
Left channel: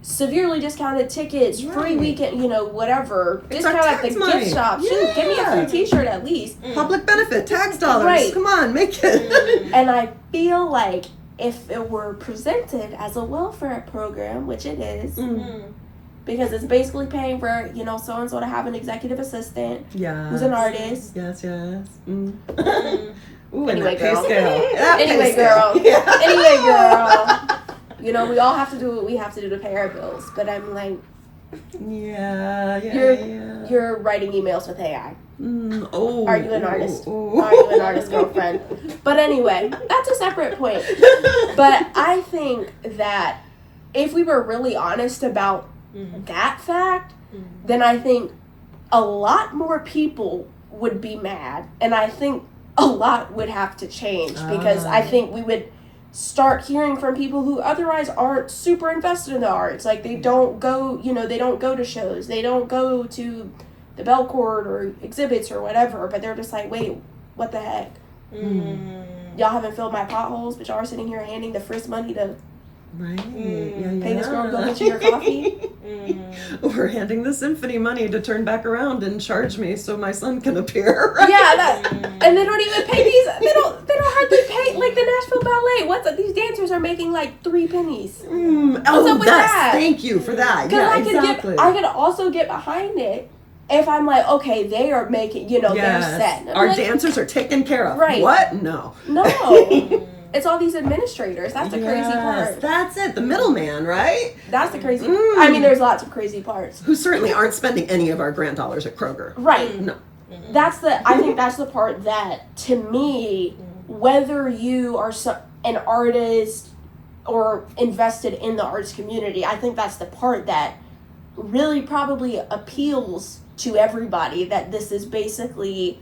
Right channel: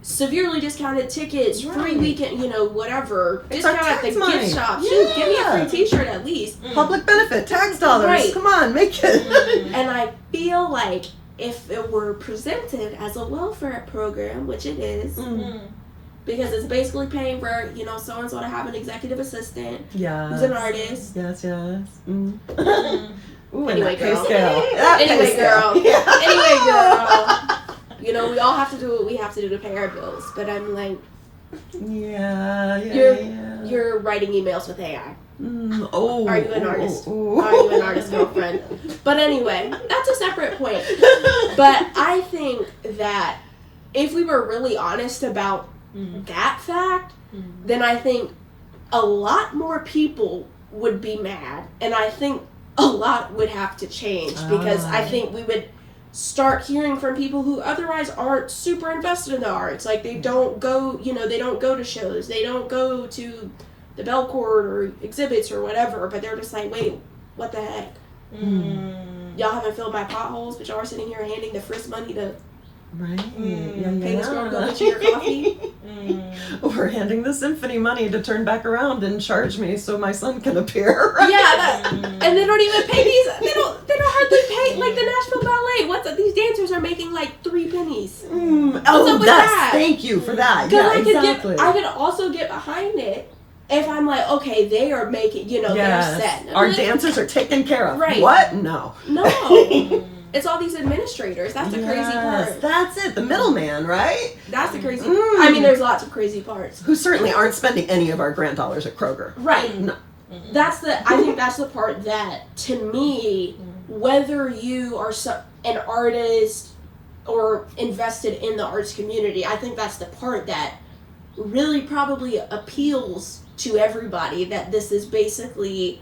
severely discounted tickets, free weekend, you know, whatever. It's discount at the gift shop. Shoot, give me a free t-shirt at least. Public benefit, tax dollars. Come on, make it. And I feel like if it were presented as a welfare program, which it is, because it's basically paying for, you know, so-and-so to have an executive assistant who's an artist. Yes. Ooh, Anyway, and that pay girl. scale. Anyway, girl. Yeah. Anyway, girl. You know, we all have to do what we have to do to pay our bills. But I'm like, you're writing emails with AI. Are you an artist? Are you an artist, girlfriend? But anyway, that's a separate point. But I think that if we were really honest about that fact, then I think a lot more people would be mad. And I think a lot would have to change, because I think we would start hearing from people who otherwise aren't super invested in the arts. Like, they don't go, you know, they don't go to shows, they don't go to the Belcourt or exhibits or whatever, but they're just like, wait, what the heck? Y'all haven't filled my potholes, but y'all are sitting here handing the Frisk money to pay this girl to go get you your coffee. Or handing the symphony money to turn back around and charge me so my son can appear. Right? Yeah, and they don't even pay these. They don't hardly pay, like the Nashville Ballet. What's up? These dancers are making like 3 pennies. Thank you for that. Yeah, exactly. I could also get behind it if I'm like, okay, they are making, you know, they're set. Our dancers are taken care of. Right. What? No. It's all these administrators. That's the crazy part. That's it. The middleman, right? That's the crazy part. I mean, there's lots of crazy parts. Who certainly aren't spending any of our grant dollars at Kroger. Right. No. I think that's the part that, to me, whether you are an artist or invested in the arts community, I think that's the part that really probably appeals to everybody, that this is basically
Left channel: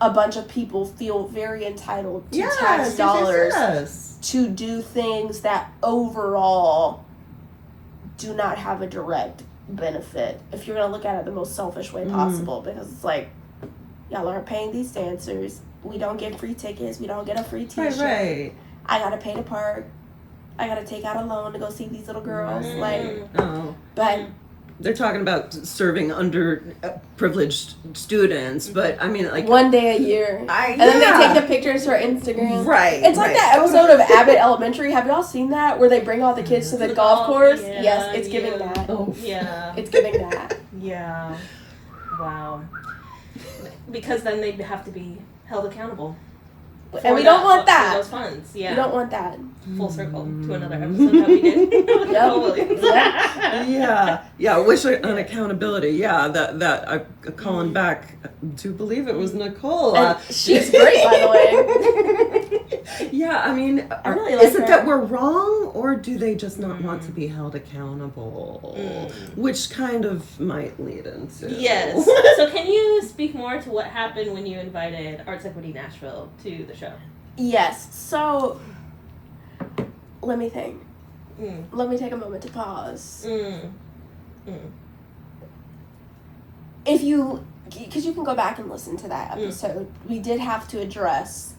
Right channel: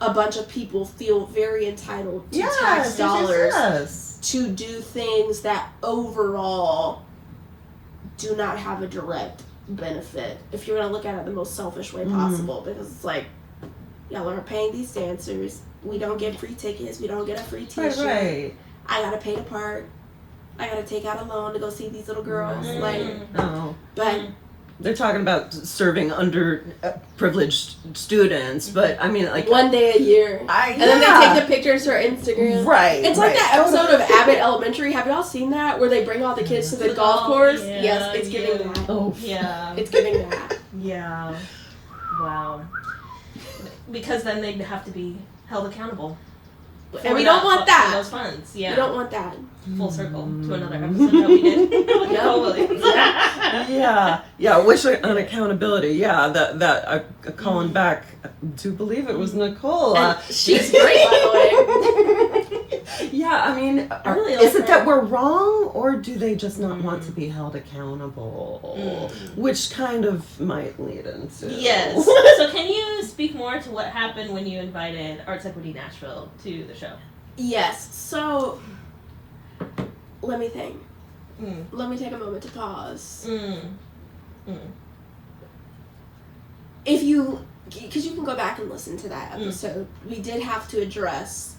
a bunch of people feel very entitled to tax dollars to do things that overall do not have a direct benefit, if you're going to look at it the most selfish way possible, because it's like, y'all are paying these dancers, we don't get free tickets, we don't get a free t-shirt, I gotta pay to park, I gotta take out a loan to go see these little girls, but they're talking about serving underprivileged students, but I mean, like, one day a year, and then they take the pictures for Instagram. It's like that episode of Abbott Elementary. Have y'all seen that, where they bring all the kids to the golf course? Yes, it's giving that. It's giving that. Yeah. Wow. Because then they'd have to be held accountable. And we don't want that. For those funds. Yeah. We don't want that. Full circle to another episode that we did with Nicole Williams. Wish on accountability. Yeah, that I calling back to believe it was Nicole. She's great, by the way. I mean, really is it that we're wrong, or do they just not want to be held accountable? Which kind of might lead into. Yes. So can you speak more to what happened when you invited Arts Equity Nashville to the show? Yes. So let me think. Let me take a moment to pause. If you, because you can go back and listen to that episode, we did have to address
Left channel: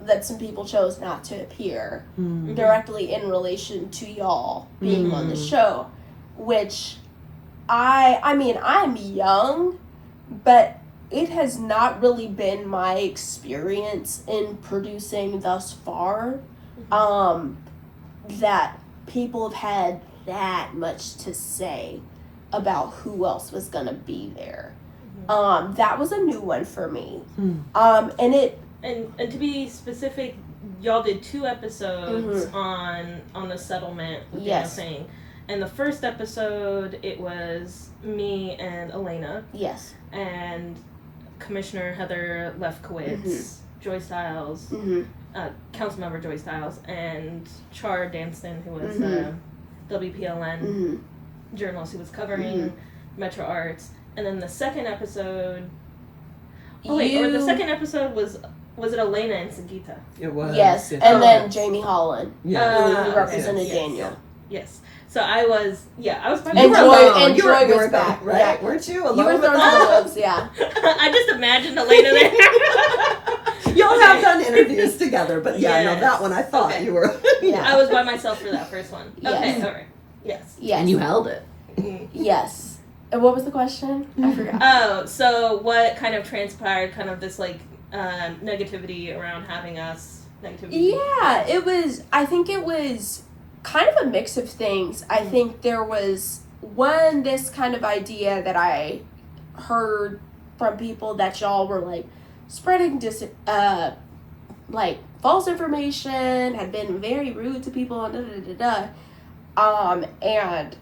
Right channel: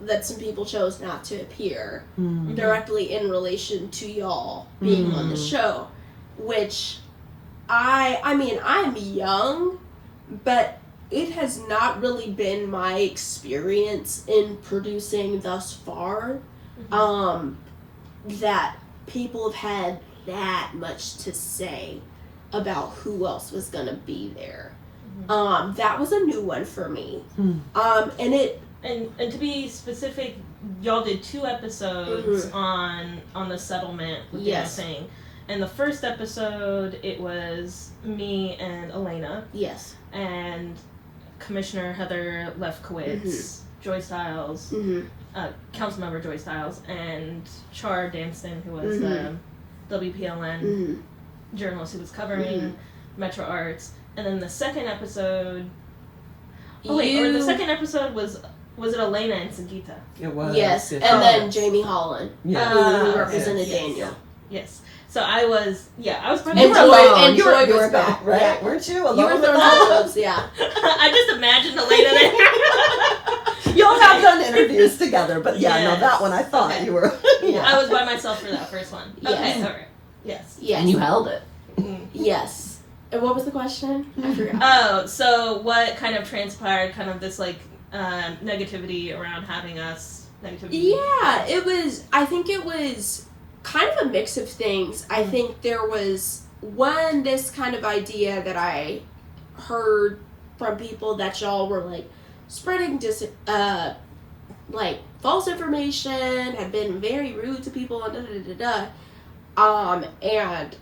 that some people chose not to appear directly in relation to y'all being on the show, which I mean, I'm young, but it has not really been my experience in producing thus far that people have had that much to say about who else was gonna be there. That was a new one for me. And to be specific, y'all did 2 episodes on the settlement with Yes. Daniel Saying. And the first episode, it was me and Alayna. Yes. And Commissioner Heather Lefkowitz, Joy Stiles, Councilmember Joy Stiles, and Char Danston, who was WPLN journalist who was covering Metro Arts. And then the second episode... the second episode was it Alayna and Sangeetha? It was. Yes. And then Jamie Holland, who represented Daniel. Yes. So I was by And myself. You were Joy was alone, back, right? yeah. Weren't you You alone were with throwing us? clubs, yeah. I just imagined Alayna there. Y'all have done interviews together, but no, Yes. that one I thought Okay. you were. I was by myself for that first one. Yes. Okay, all right. Yes. Yes. And you held it. Yes. And what was the question? I forgot. Oh, so what kind of transpired? Kind of this like negativity around having us. Negativity. Yeah, it was. I think it was kind of a mix of things. I think there was this kind of idea that I heard from people that y'all were like spreading like false information, had been very rude to people, and and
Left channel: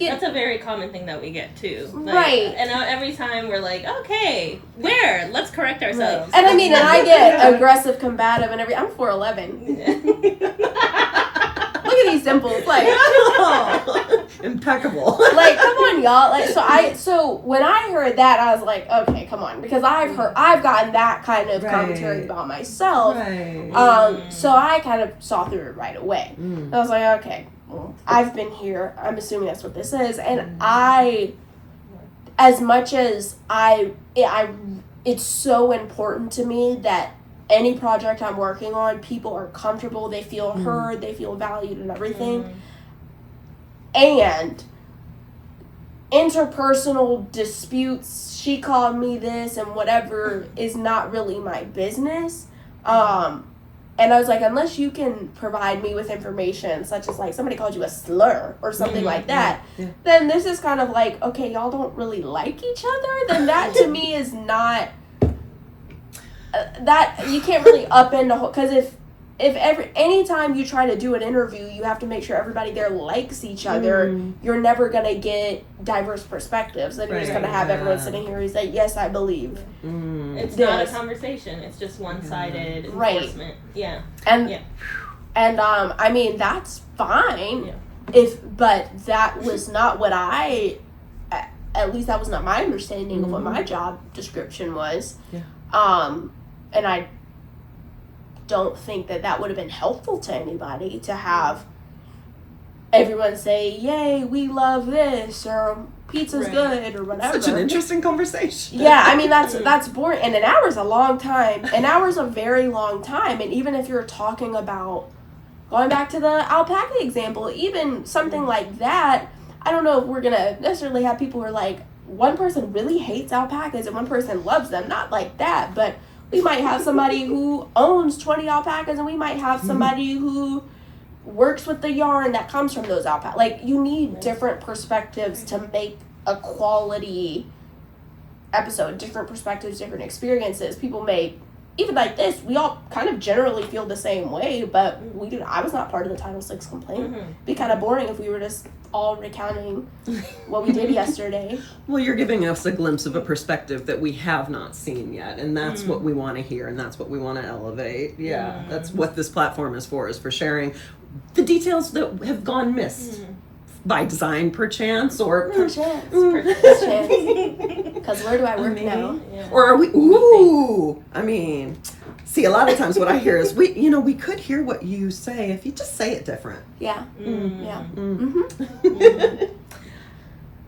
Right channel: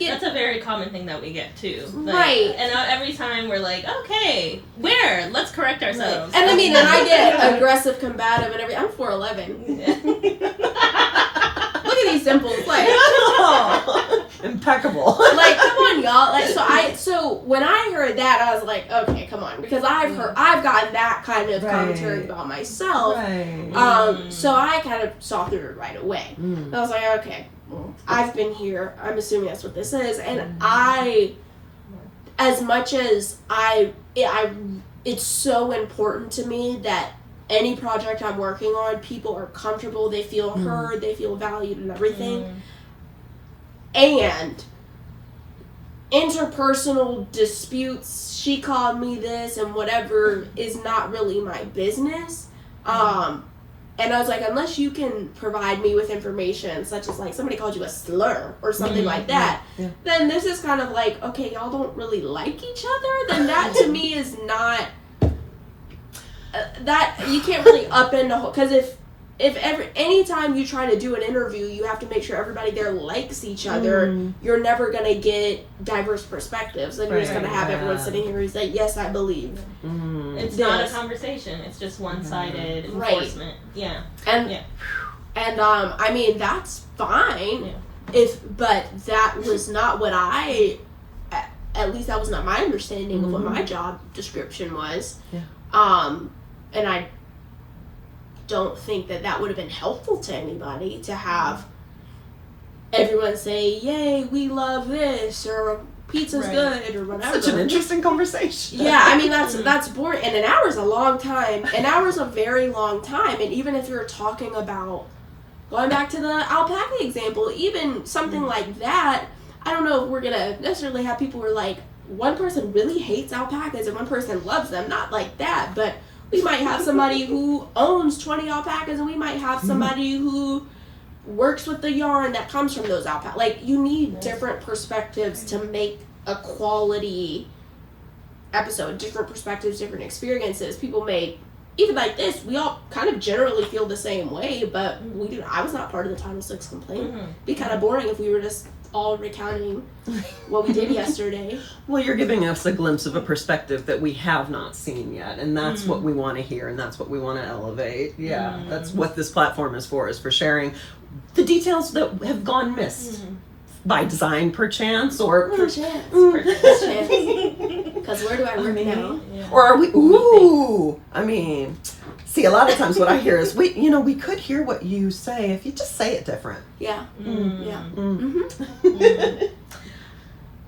That's a very common thing that we get too. Like, right. And every time we're like, okay, where? Let's correct ourselves. And I mean, and I get aggressive, combative, and everything. I'm 4'11". Look at these dimples, like impeccable. like come on, y'all. Like so when I heard that, I was like, okay, come on, because I've gotten that kind of commentary about myself. Right. So I kind of saw through it right away. I was like, okay, well, I've been here. I'm assuming that's what this is, and as much as it's so important to me that any project I'm working on, people are comfortable, they feel heard, they feel valued and everything. And interpersonal disputes, she called me this and whatever, is not really my business. And I was like, unless you can provide me with information such as like somebody called you a slur or something like that, then this is kind of like, okay, y'all don't really like each other, then that to me is not that you can't really upend the whole, because anytime you try to do an interview, you have to make sure everybody there likes each other. You're never gonna get diverse perspectives, and you're just gonna have everyone sitting here who's like, yes, I believe. It's not a conversation. It's just one-sided enforcement. Yeah. And I mean, that's fine. But that was not what at least that was not my understanding of what my job description was. And I don't think that would have been helpful to anybody to have everyone say, yay, we love this, or pizza's good, or whatever. Such an interesting conversation. Yeah, I mean, that's boring. And an hour's a long time. An hour's a very long time. And even if you're talking about, going back to the alpaca example, even something like that, I don't know if we're going to necessarily have people who are like, one person really hates alpacas and one person loves them. Not like that, but we might have somebody who owns 20 alpacas, and we might have somebody who works with the yarn that comes from those alpacas. Like, you need different perspectives to make a quality episode. Different perspectives, different experiences. People may, even like this, we all kind of generally feel the same way, but I was not part of the Title VI complaint. It'd be kind of boring if we were just all recounting what we did yesterday. Well, you're giving us a glimpse of a perspective that we have not seen yet, and that's what we want to hear, and that's what we want to elevate. That's what this platform is for sharing the details that have gone missed by design, perchance, or Perchance. Because where do I work now? Or are we? Ooh, I mean, see, a lot of times what I hear is we could hear what you say if you just say it different. Yeah.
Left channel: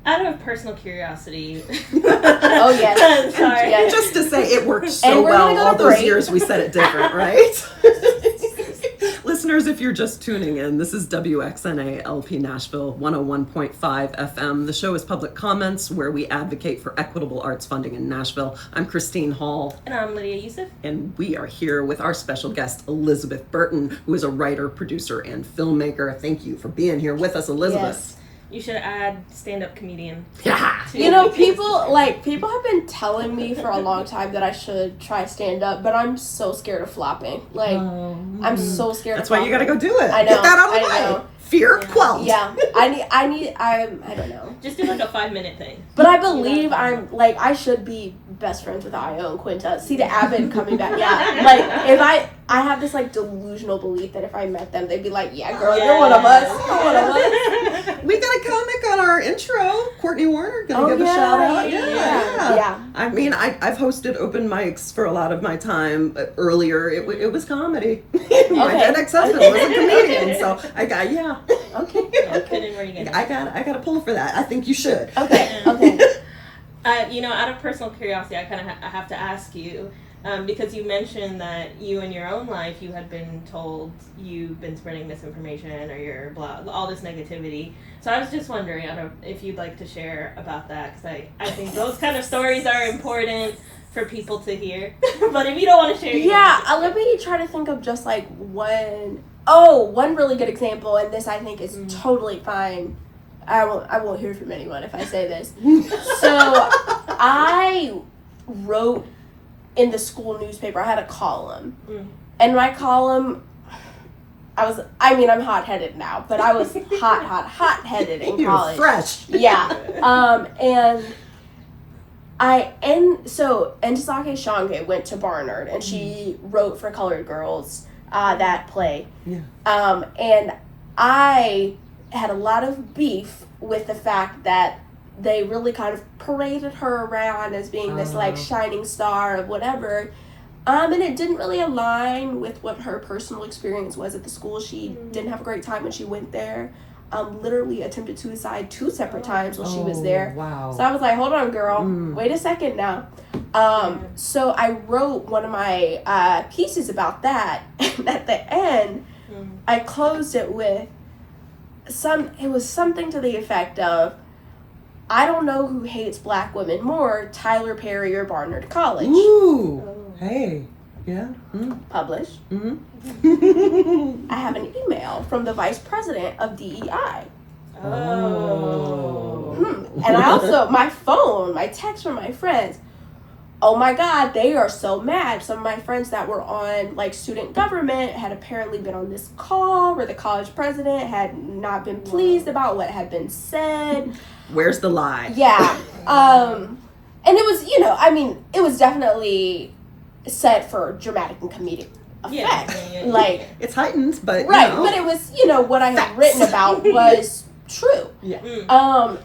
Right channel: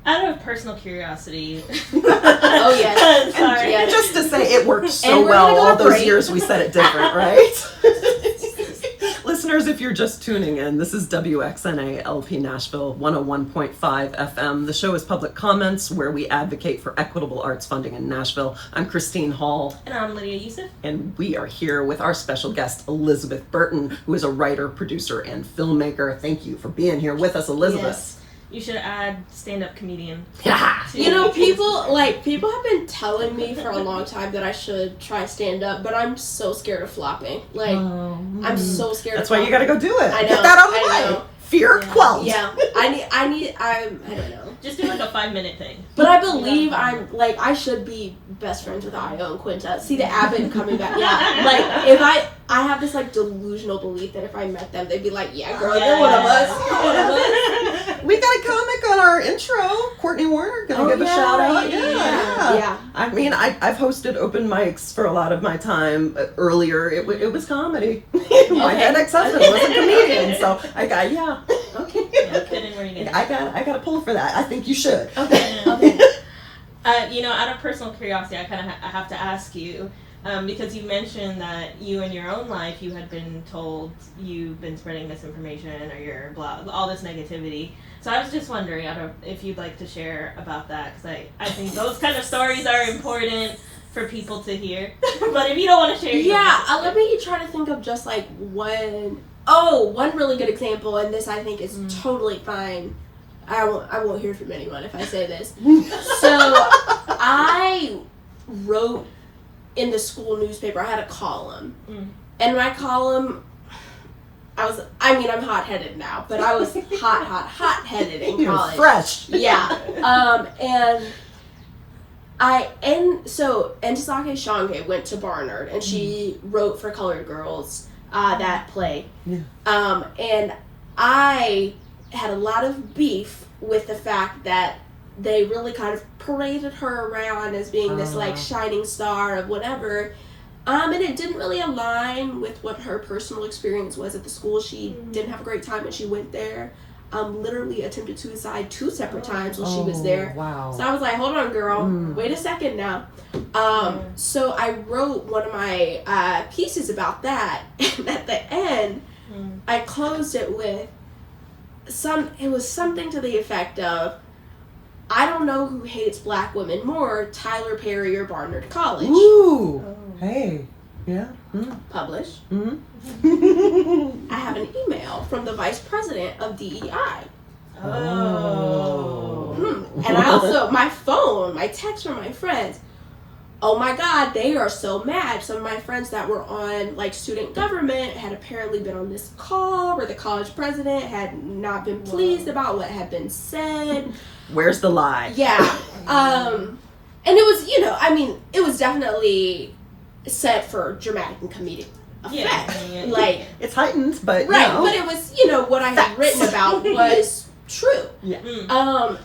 Out of personal curiosity. Oh yes. Sorry. Yes. Just to say it worked And so we're well gonna go all those break. years we said it different, right? Listeners, if you're just tuning in, this is WXNA LP Nashville 101.5 FM. The show is Public Comments, where we advocate for equitable arts funding in Nashville. I'm Christine Hall. And I'm Lydia Yousief. And we are here with our special guest, Elizabeth Burton, who is a writer, producer, and filmmaker. Thank you for being here with us, Elizabeth. Yes. You should add stand-up comedian. Yeah. You know, people have been telling me for a long time that I should try stand up, but I'm so scared of flopping. Like, I'm so scared. That's of why you got to go do it. I know, Get that out of the I way. know. Fear quelled. Yeah, I don't know. Just do like a 5-minute thing. But I believe I should be best friends with Io and Quinta. See the Avid coming back. Yeah, like if I have this like delusional belief that if I met them, they'd be like, yeah, girl, you're one of us. You're one of us. We got a comic on our intro, Courtney Warner. Gonna give a shout out. Yeah. I mean, I've hosted open mics for a lot of my time earlier. It was comedy. My then ex-husband was a comedian, so I got Okay. Yeah, fit in where you get. I got a pull for that. I think you should. Okay. You know, out of personal curiosity, I have to ask you, because you mentioned that you in your own life, you had been told you've been spreading misinformation or you're all this negativity. So I was just wondering, if you'd like to share about that, because I think those kind of stories are important for people to hear. But if you don't want to share, let me try to think of just like one really good example, and this I think is totally fine. I won't hear from anyone if I say this. So I wrote in the school newspaper. I had a column, and my column, I'm hot-headed now, but I was hot-headed in You're college. fresh. Yeah. And Ntisake Shange went to Barnard, and she wrote for Colored Girls, that play. Yeah. And I had a lot of beef with the fact that they really kind of paraded her around as being this like shining star of whatever. And it didn't really align with what her personal experience was at the school. She didn't have a great time when she went there. Literally attempted suicide 2 separate times while she was there. Wow. So I was like, hold on, girl. Wait a second now. So I wrote one of my pieces about that. And at the end, I closed it with it was something to the effect of, I don't know who hates black women more, Tyler Perry or Barnard College. Ooh. Hey. Yeah. Published. Mm-hmm. I have an email from the vice president of DEI. And I also, my text from my friends, oh my God, they are so mad. Some of my friends that were on like student government had apparently been on this call where the college president had not been pleased about what had been said. Where's the lie? Yeah. And it was, it was definitely set for dramatic and comedic effect. Yeah. Like, It's heightened, but right, but it was, what I had written about was true. Yeah.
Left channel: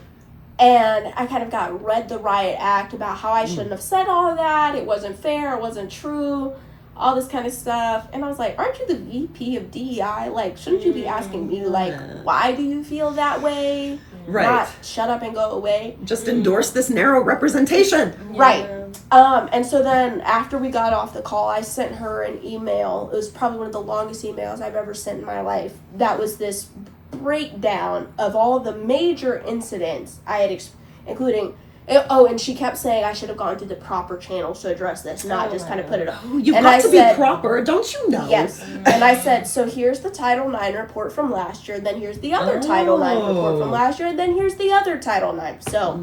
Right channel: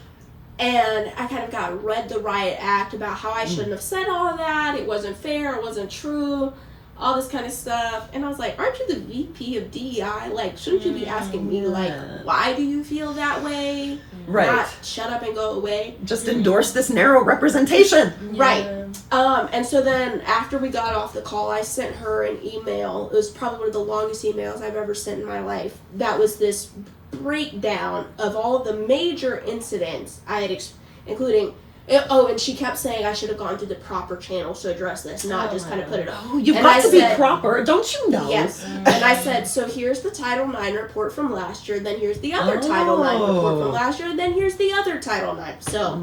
And I kind of read the riot act about how I shouldn't have said all of that. It wasn't fair. It wasn't true. All this kind of stuff. And I was like, aren't you the VP of DEI? Like, shouldn't you be asking me, like, why do you feel that way? Right. Not shut up and go away. Just endorse this narrow representation. Right. And so then after we got off the call, I sent her an email. It was probably one of the longest emails I've ever sent in my life. That was this breakdown of all of the major incidents I had, including, and she kept saying I should have gone through the proper channels to address this, not just kind of put it up. Oh, you've got to be proper, don't you know? Yes. And I said, so here's the Title IX report from last year, then here's the other Title IX report from last year, and then here's the other Title IX. So,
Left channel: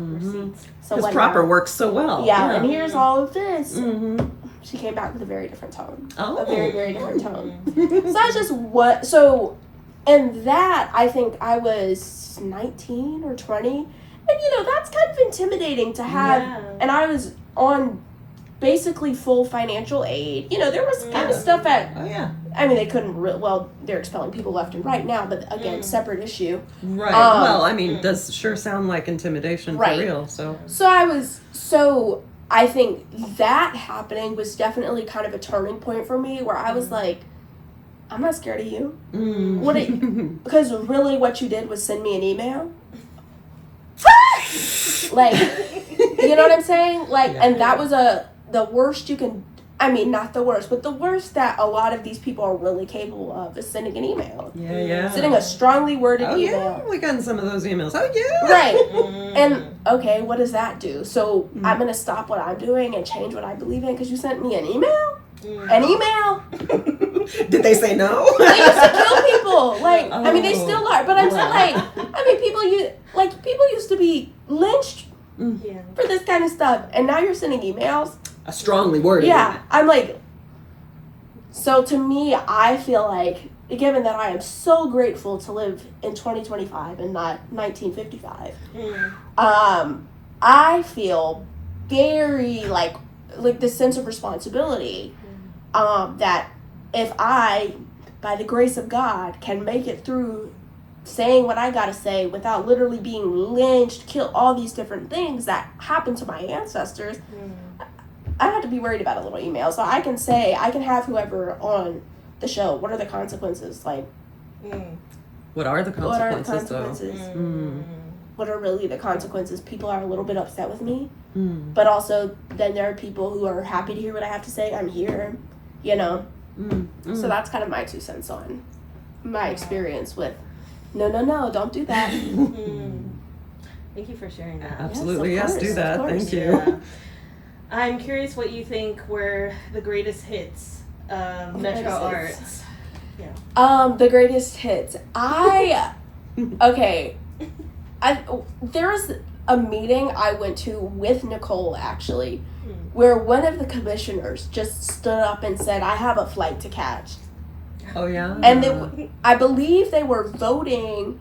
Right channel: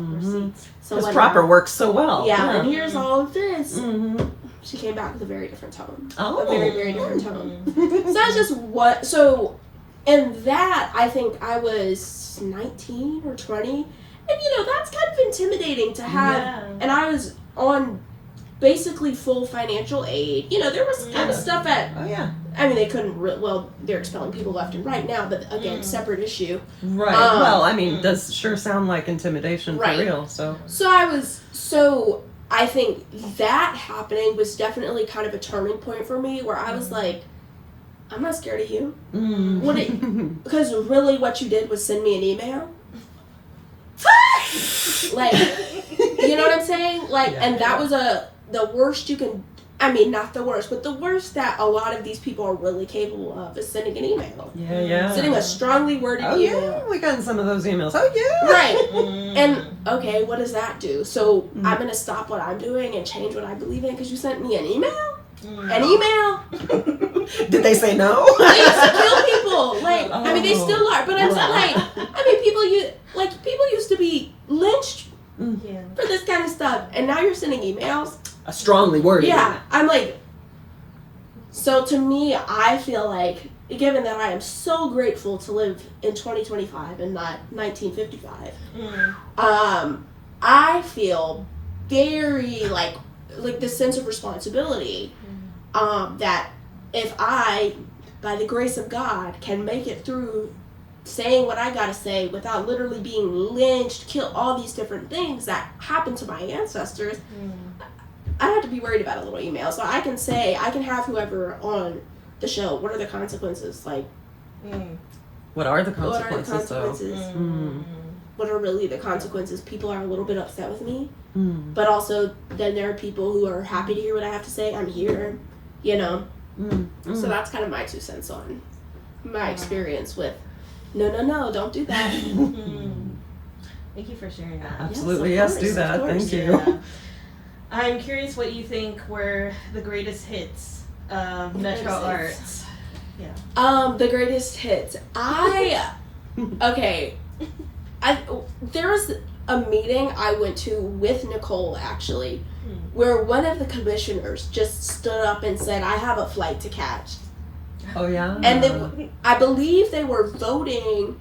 because proper works so well. Yeah, and here's all of this. She came back with a very different tone. A very, very different tone. So that's just and that, I think I was 19 or 20. And, that's kind of intimidating to have. Yeah. And I was on basically full financial aid. There was kind of stuff at... Oh, yeah. I mean, they couldn't... they're expelling people left and right now, but again, separate issue. Right. Does sure sound like intimidation for real, so... I think that happening was definitely kind of a turning point for me, where I was like, I'm not scared of you. Because really what you did was send me an email. Like, you know what I'm saying? Like, and that was the worst you can, not the worst, but the worst that a lot of these people are really capable of is sending an email. Yeah. Sending a strongly worded email. Yeah, we got some of those emails. Oh, yeah. Right. And, okay, what does that do? So, I'm going to stop what I'm doing and change what I believe in because you sent me an email? An email? Did they say no? They used to kill people. Like, they still are. But I'm still like, people Like, people used to be lynched Yeah. for this kind of stuff, and now you're sending emails. A strongly worded. Yeah, I'm like, so to me, I feel like, given that I am so grateful to live in 2025 and not 1955, I feel very like this sense of responsibility, that if I, by the grace of God, can make it through saying what I gotta say without literally being lynched, killed, all these different things that happened to my ancestors, I don't have to be worried about a little email. So I can say, I can have whoever on the show, what are the consequences? Like, What are the what are the consequences, though? consequences? What are really the consequences? People are a little bit upset with me, but also then there are people who are happy to hear what I have to say. I'm here, you know? So that's kind of my 2 cents on my experience with, no, don't do that. Thank you for sharing that. Absolutely, Yes, yes, of do course, that. of course. Thank you. Yeah. I'm curious what you think were the greatest hits of Metro Arts. The greatest hits. There was a meeting I went to with Nicole, actually, where one of the commissioners just stood up and said, I have a flight to catch. Oh, yeah? And I believe they were voting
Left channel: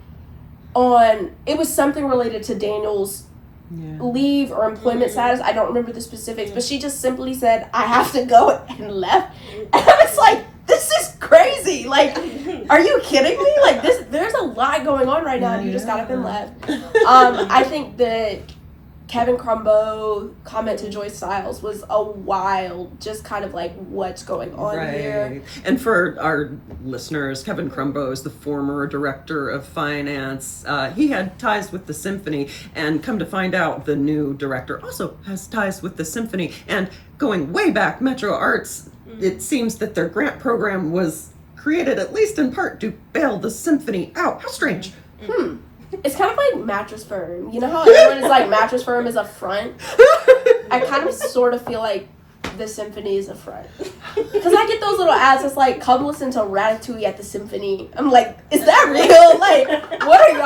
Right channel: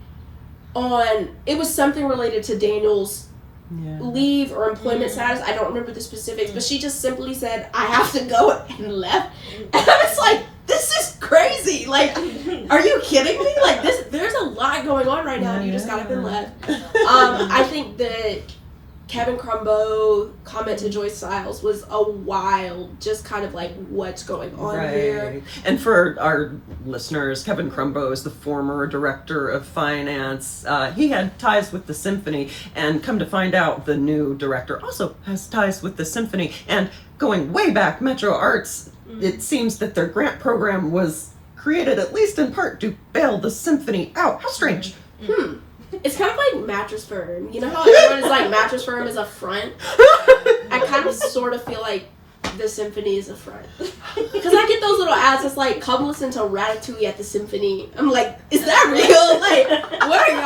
on, it was something related to Daniel's leave or employment status. I don't remember the specifics, but she just simply said, I have to go, and left. And I was like, this is crazy. Like, are you kidding me? Like, there's a lot going on right now, and you just got up and left. I think that Kevin Crumbo comment to Joyce Stiles was a wild, just kind of like, what's going on here. And for our listeners, Kevin Crumbo is the former director of finance. He had ties with the symphony, and come to find out, the new director also has ties with the symphony. And going way back, Metro Arts, it seems that their grant program was created at least in part to bail the symphony out. How strange. It's kind of like Mattress Firm. You know how everyone is like, Mattress Firm is a front? I kind of sort of feel like the symphony is a front. Because I get those little ads that's like, come listen to Ratatouille at the symphony. I'm like, is that real? Like, what are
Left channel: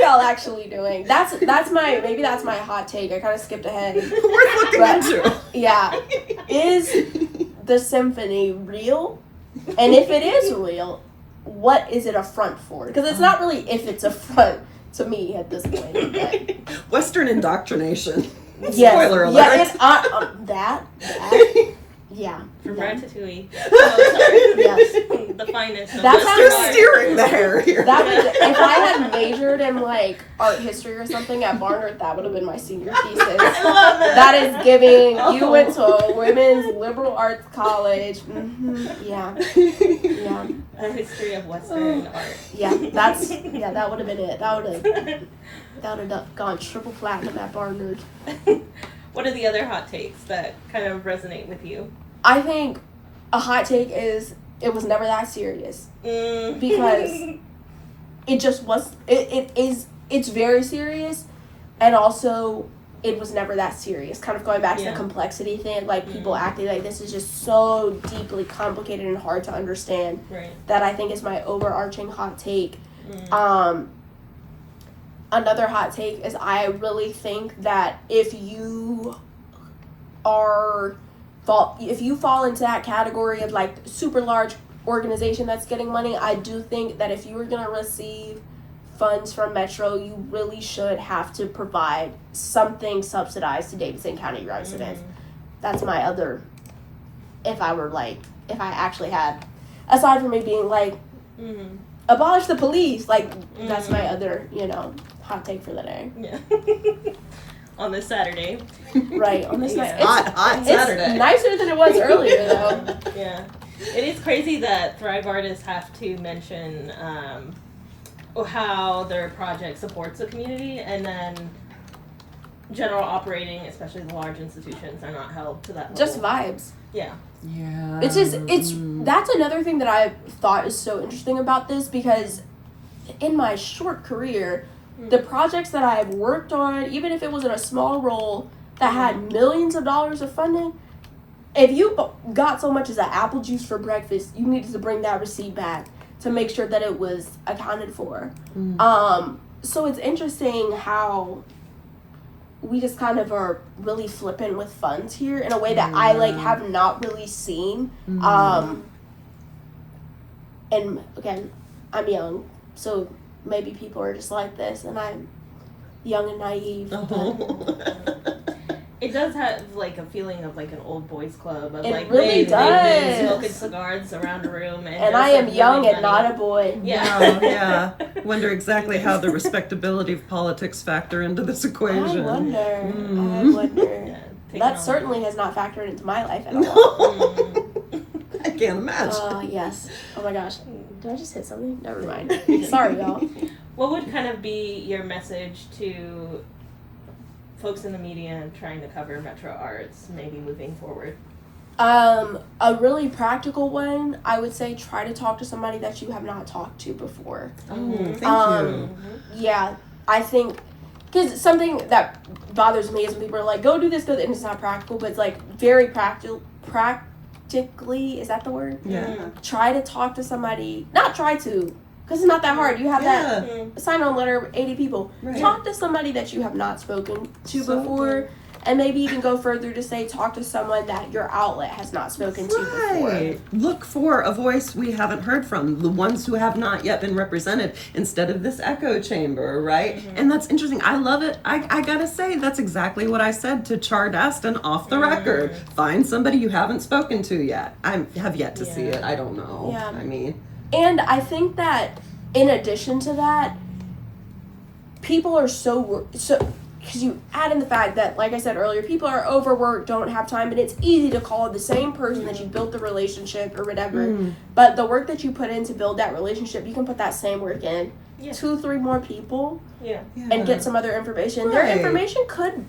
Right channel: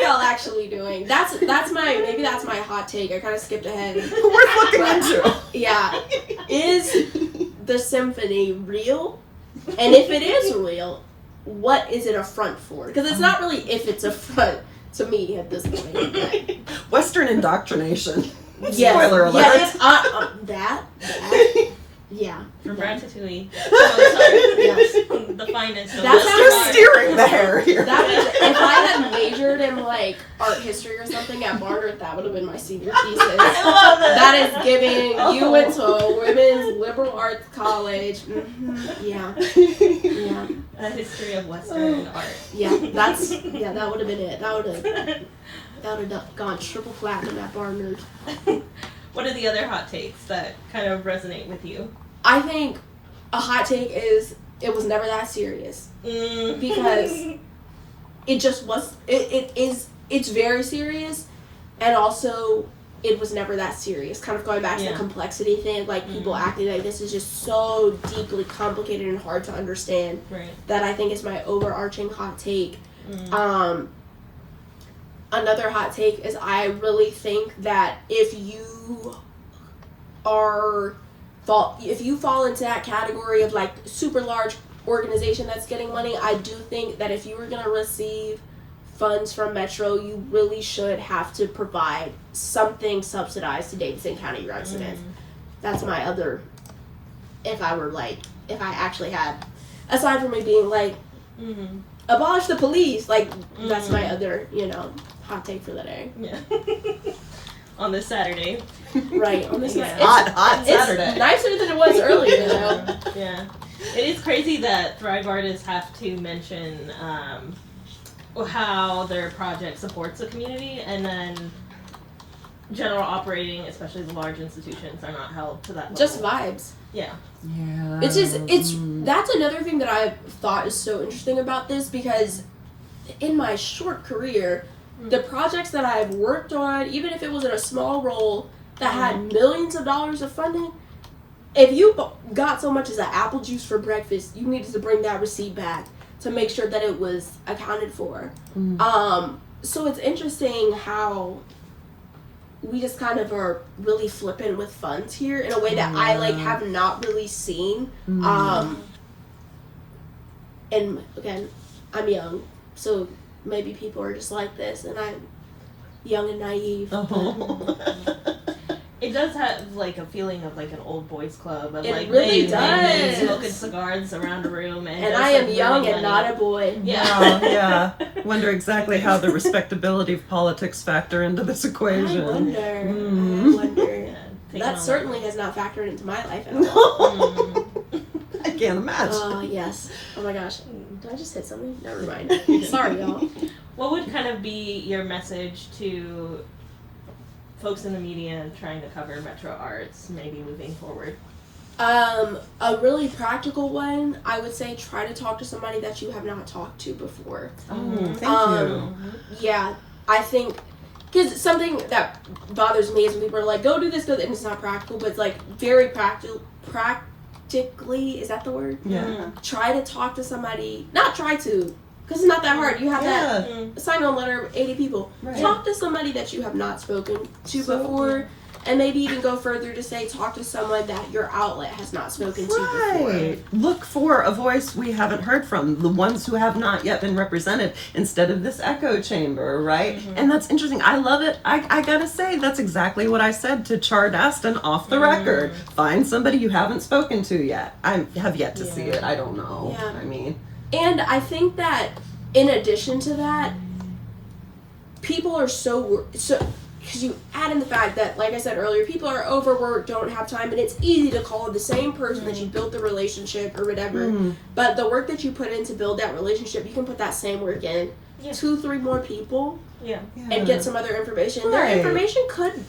y'all actually doing? That's my hot take. I kind of skipped ahead. Worth looking into. Yeah. Is the symphony real? And if it is real, what is it a front for? Because it's not really if it's a front to me at this point. But. Western indoctrination. Yes. Spoiler alert. Yeah, it's that. Yeah. From Yeah. Ratatouille. Oh, sorry. Yes. The finest. That's Who's steering the hair here? That was, if I had majored in like art history or something at Barnard, that would have been my senior thesis. I love it. That is giving. You went to a women's liberal arts college. Yeah. Yeah. A history of Western art. Yeah. That would have been it. That would have gone triple platinum at Barnard. What are the other hot takes that kind of resonate with you? I think a hot take is it was never that serious. Because it just was, it's very serious, and also it was never that serious. Kind of going back to the complexity thing, like people acting like this is just so deeply complicated and hard to understand. Right. That I think is my overarching hot take. Another hot take is I really think that if you fall into that category of like super large organization that's getting money, I do think that if you were going to receive funds from Metro, you really should have to provide something subsidized to Davidson County residents. That's my other, if I actually had, aside from me being like, abolish the police, like, that's my other, hot take for the day. Yeah. On this Saturday. Right, on this Hot Saturday. It's nicer than it was earlier, though. Yeah. It is crazy that Thrive artists have to mention how their project supports the community, and then general operating, especially the large institutions, are not held to that level. Just vibes. Yeah. Yeah. That's another thing that I thought is so interesting about this, because in my short career, the projects that I've worked on, even if it was in a small role that had millions of dollars of funding, if you got so much as an apple juice for breakfast, you needed to bring that receipt back to make sure that it was accounted for. so it's interesting how we just kind of are really flippant with funds here in a way that I like have not really seen. And again, I'm young, so maybe people are just like this, and I'm young and naive. It does have like a feeling of like an old boys club. Of, It like, really maybe does. smoking cigars around a room, And I am young and not a boy. Yeah. Wow, yeah. Wonder exactly how the respectability of politics factor into this equation. I wonder. Mm. I wonder. Yeah, That certainly has not factored into my life at all. I can't imagine. Oh, yes. Oh my gosh. Did I just hit something? Never mind. Sorry, y'all. What would kind of be your message to folks in the media trying to cover Metro Arts, maybe moving forward? A really practical one, I would say try to talk to somebody that you have not talked to before. Oh, thank you. Yeah, I think, because something that bothers me is when people are like, go do this, and it's not practical, but it's like very practically, is that the word? Yeah. Try to talk to somebody, not try to, because it's not that hard. You have that sign-on letter of 80 people. Right. Talk to somebody that you have not spoken to So before, and maybe even go further to say talk to someone that your outlet has not spoken to before. Right. Look for a voice we haven't heard from, the ones who have not yet been represented, instead of this echo chamber, right? And that's interesting. I love it. I gotta say, that's exactly what I said to Char Daston off the record. Find somebody you haven't spoken to yet. I have yet to see it. I don't know. Yeah. I mean, And I think that in addition to that, people are so because you add in the fact that, like I said earlier, people are overworked, don't have time, and it's easy to call the same person that you built the relationship or whatever. But the work that you put in to build that relationship, you can put that same work in 2-3 more people and get some other information. Right. Their information could,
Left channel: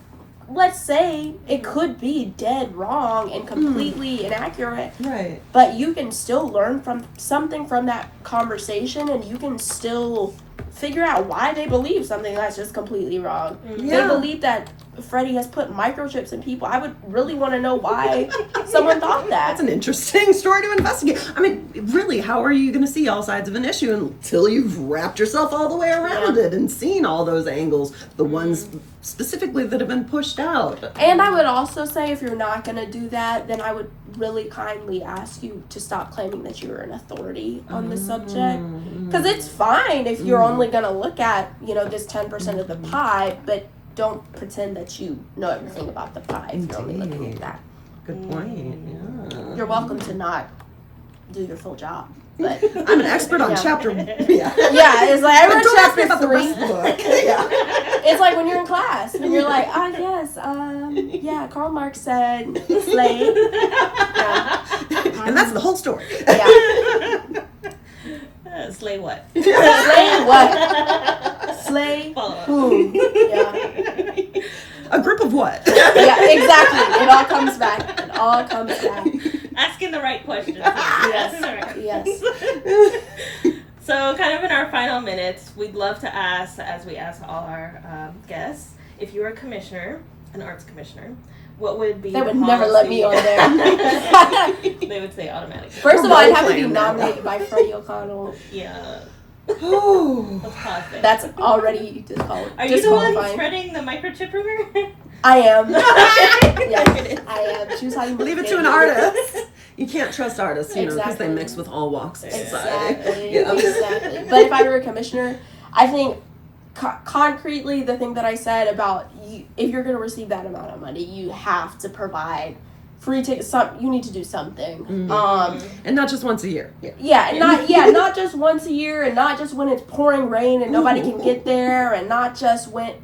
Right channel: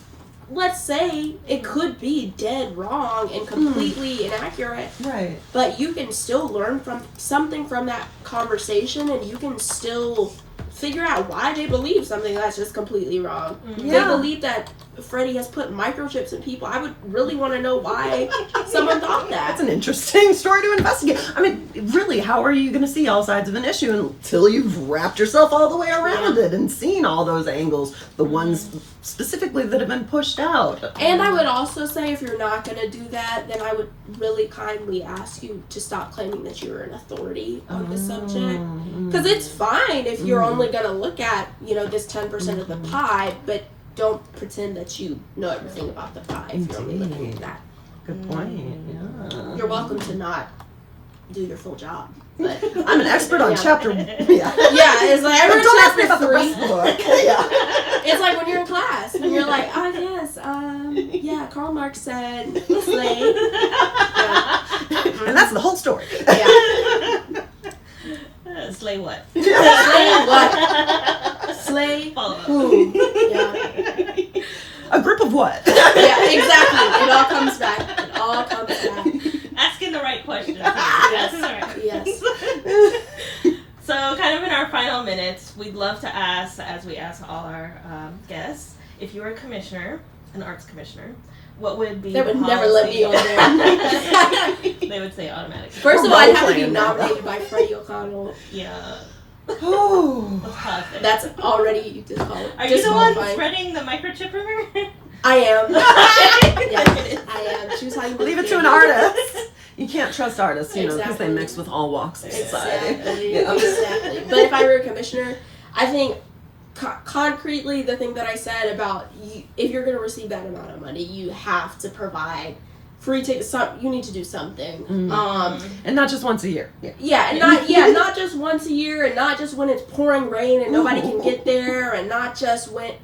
let's say, it could be dead wrong and completely inaccurate. right. But you can still learn from something from that conversation, and you can still figure out why they believe something that's just completely wrong. They Yeah. believe that Freddie has put microchips in people. I would really want to know why someone thought that. That's an interesting story to investigate. I mean, really, how are you going to see all sides of an issue until you've wrapped yourself all the way around it and seen all those angles, the ones specifically that have been pushed out? And I would also say, if you're not going to do that, then I would really kindly ask you to stop claiming that you're an authority on the subject. Because it's fine if you're only going to look at, this 10% of the pie, but don't pretend that you know everything about the pie if you're only looking at that. Good point. Yeah. You're welcome to not do your full job. But I'm an expert on chapter. Yeah. it's like But every don't ask me chapter about the rest of the book. Yeah. It's like when you're in class and you're like, Karl Marx said slave. And that's the whole story. Slay what? Slay what? Slay who? Yeah. A group of what? Yeah, exactly. It all comes back. It all comes back. Asking the right questions. Yes. So, kind of in our final minutes, we'd love to ask, as we ask all our guests, if you were a commissioner, an arts commissioner, what would be They would never let me on there. They would say automatically. First of all, I'd have to be nominated by Freddie O'Connell. Yeah. Oh. Let's pause there. That's already disqualified. Are you the one spreading the microchip rumor? I am. Yes, I am. Choose how you Leave it to an artist. You can't trust artists, because Exactly. they mix with all walks of society. Exactly. Yeah. Exactly. But if I were a commissioner, I think concretely the thing that I said about if you're going to receive that amount of money, you have to provide free tickets. You need to do something. And not just once a year. Not just once a year, and not just when it's pouring rain and nobody can get there, and not just when.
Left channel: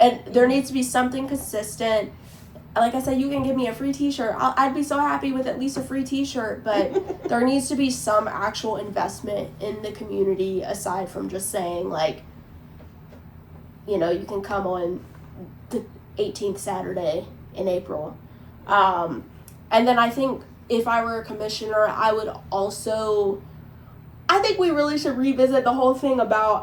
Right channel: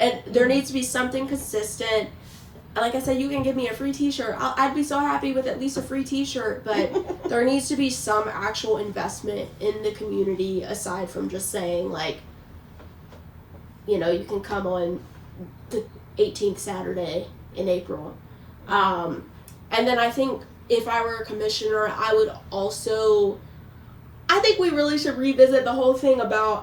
And there needs to be something consistent. Like I said, you can give me a free t-shirt. I'd be so happy with at least a free t-shirt, but there needs to be some actual investment in the community aside from just saying, like, you can come on the 18th Saturday in April. And then I think if I were a commissioner, I would also, I think we really should revisit the whole thing about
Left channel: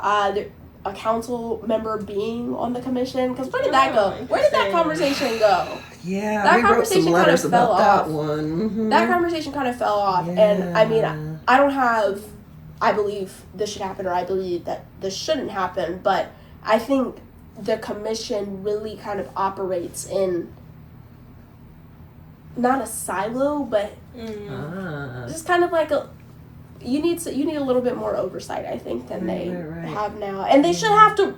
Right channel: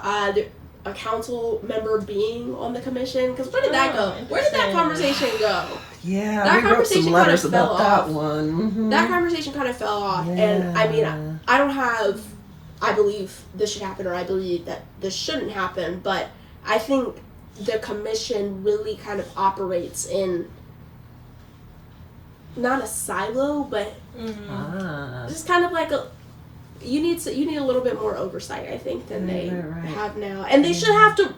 a council member being on the commission, because where did that go? Where did that conversation go? Yeah, That we wrote some conversation letters kind of about fell that off. one. Mm-hmm. That conversation kind of fell off, and I mean, I don't have, I believe this should happen, or I believe that this shouldn't happen, but I think the commission really kind of operates in not a silo, but just kind of like you need a little bit more oversight, I think, than they have now. And they should have to.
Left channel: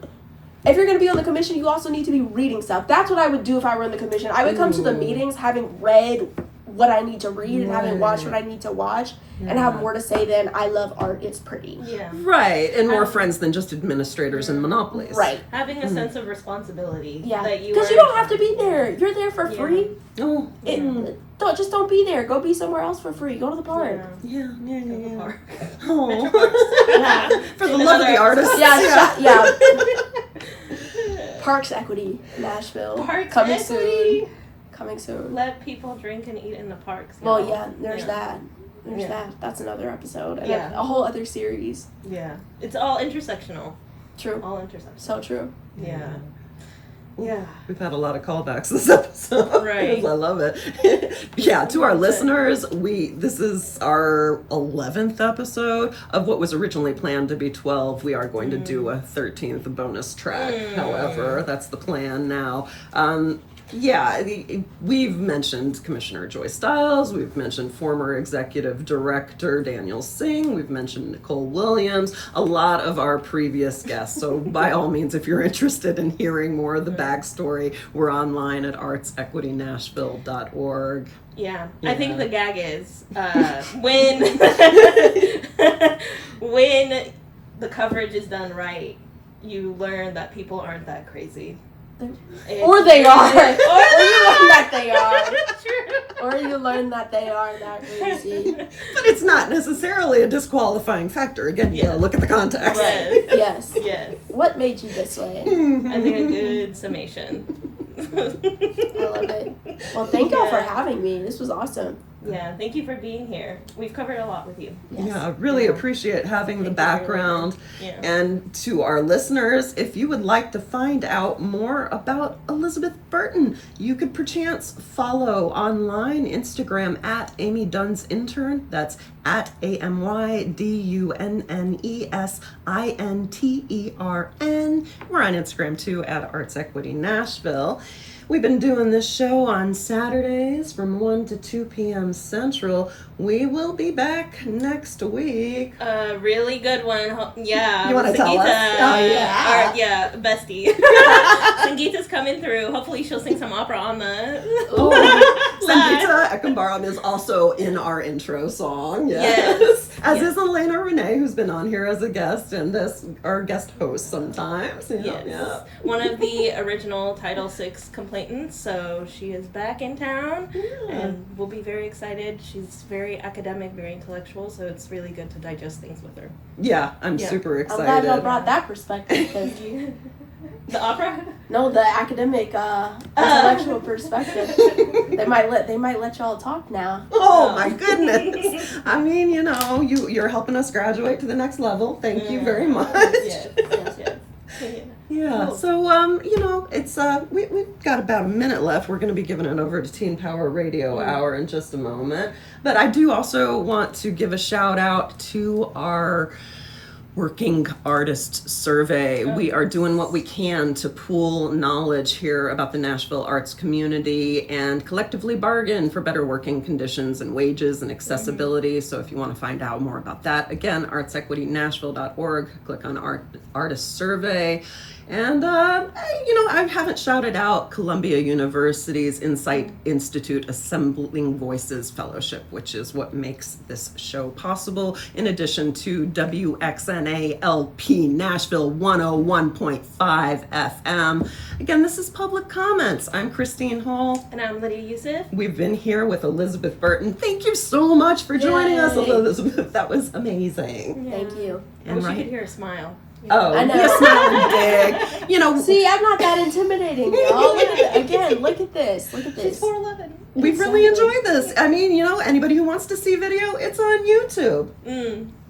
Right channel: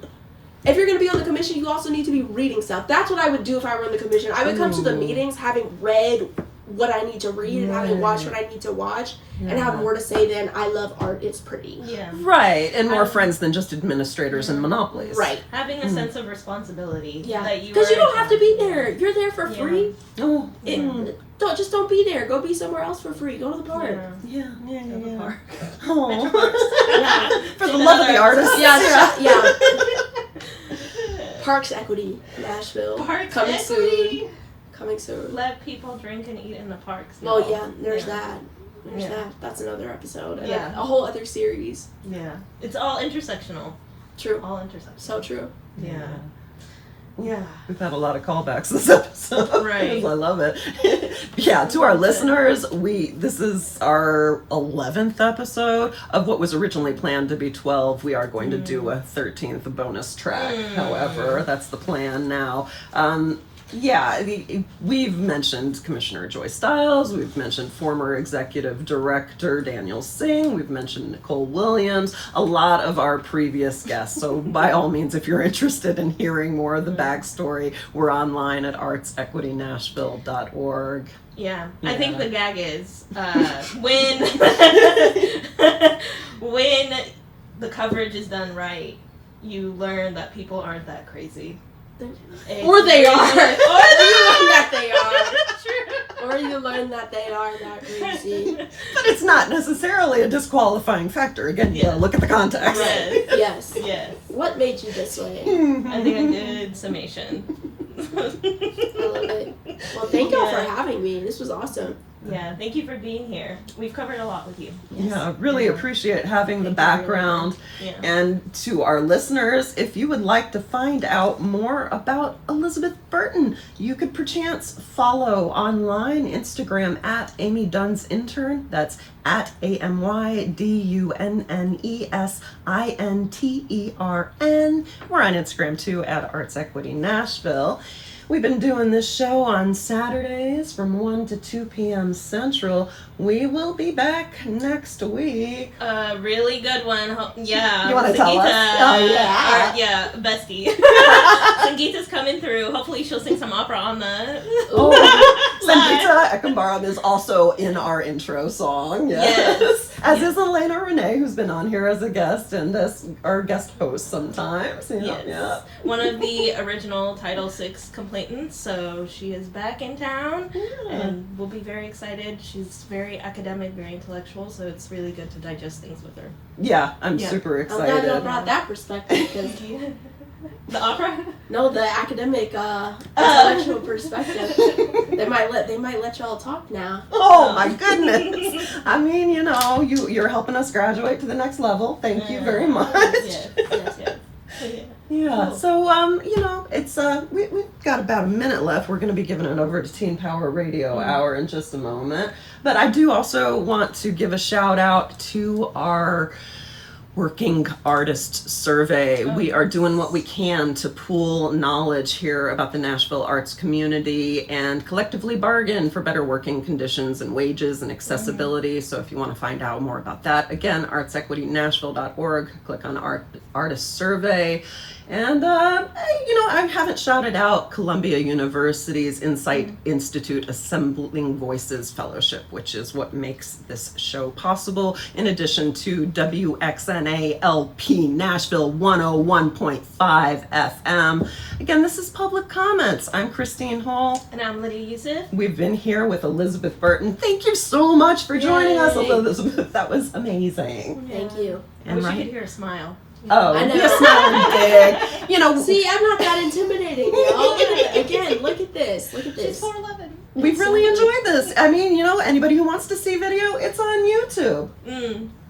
If you're going to be on the commission, you also need to be reading stuff. That's what I would do if I were in the commission. I would come to the meetings having read what I need to read and having watched what I need to watch and have more to say than I love art, it's pretty. Yeah. Right, and more friends than just administrators and monopolies. Right. Having a sense of responsibility. Yeah. That you Because you don't have to be there. You're there for free. Oh, Don't be there. Go be somewhere else for free. Go to the park. yeah. Park. Oh. For the love of the artists. Yeah. Parks Equity, Nashville. Parks coming Equity. soon. Coming soon. Let people drink and eat in the parks. Well, now. yeah, there's that. There's that. That's another episode. Yeah. A whole other series. Yeah. It's all intersectional. True. All intersectional. So true. Yeah. Yeah. We've had a lot of callbacks this episode. Right. I love it. Yeah, to our listeners, this is our 11th episode of what was originally planned to be 12. We are going to do a 13th bonus track. However, that's the plan now. Yeah, we've mentioned Commissioner Joy Stiles, we've mentioned former executive director Daniel Singh, we've mentioned Nicole Williams, a lot of our previous guests. So by all means, if you're interested in hearing more of the backstory, we're online at artsecwitynashville.org. Yeah. I think the gag is when when the coverage is done right, you learn that people aren't that crazy. Or they are. Or you learn that they are. True. Or you learn that they are that crazy. But it's not necessarily a disqualifying factor. Again, you gotta look at the context. Yes. Yes. Yes. What made you this way? I think a good summation. I love it. Well, thank y'all for having me. This was awesome. Yeah, thank you for being here. We've covered a lot with you. Yeah, really appreciate having the background. Yeah. And to our listeners, if you would like to find out more about Elizabeth Burton, you could perchance follow online Instagram at Amy Dunn's Intern. That's at AMYDUNNESINTERN. We're on Instagram too at Arts Equity Nashville. We've been doing this show on Saturdays from 1 to 2 p.m. Central. We will be back next week. A really good one. Yeah. You want to tell us? Oh, yeah. Bestie. Sangeetha's coming through. Hopefully she'll sing some opera on the Sangeetha Ekambaram is also in our intro song. Yes. As is Alayna Renae, who's been on here as a guest and as our guest host sometimes. Yes. One of the original Title VI complainants, so she is back in town and we'll be very excited. She's very academic, very intellectual, so it's really good to digest things with her. Yeah, I'm super excited. I'm glad y'all brought that perspective. Thank you. The opera? No, the academic, intellectual perspective. They might let y'all talk now. Oh my goodness! I mean, you're helping us graduate to the next level. Thank you very much. Yes. Yeah. Cool. So it's we've got about a minute left. We're going to be giving it over to Teen Power Radio Hour in just a moment. But I do also want to give a shout out to our Working Artist Survey. We are doing what we can to pool knowledge here about the Nashville arts community and collectively bargain for better working conditions and wages and accessibility. So if you want to find out more about that, again, artsequitynashville.org, click on Artist Survey. And, I haven't shouted out Columbia University's Incite Institute Assembling Voices Fellowship, which is what makes this show possible, in addition to WXNA LP Nashville 101.5 FM. Again, this is Public Comments. I'm Christine Hall. And I'm Lydia Yousief. We've been here with Elizabeth Burton. Thank you so much for joining us, Elizabeth. That was amazing. Thank you. I wish you could hear a smile. Oh, I know. you're smiling big. See, I'm not that intimidating, y'all. Look at this. She's 4'11". We've really enjoyed this. I mean, anybody who wants to see video, it's on YouTube.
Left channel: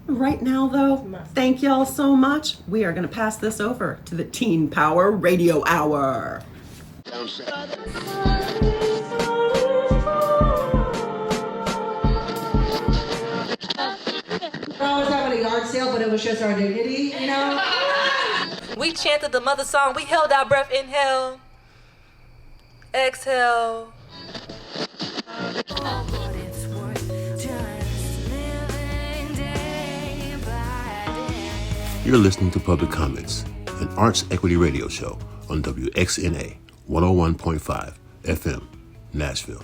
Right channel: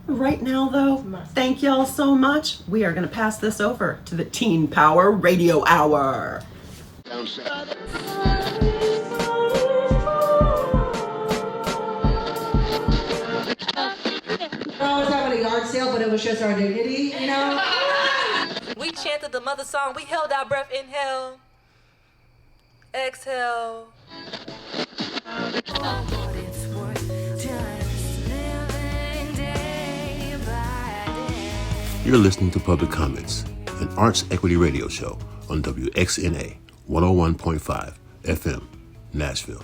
Right now, though, thank y'all so much. We are going to pass this over to the Teen Power Radio Hour. Oh, it's not really a yard sale, but it was just our dignity, We chanted the mother song. We held our breath. Inhale. Exhale. You're listening to Public Comments, an arts equity radio show on WXNA 101.5 FM, Nashville.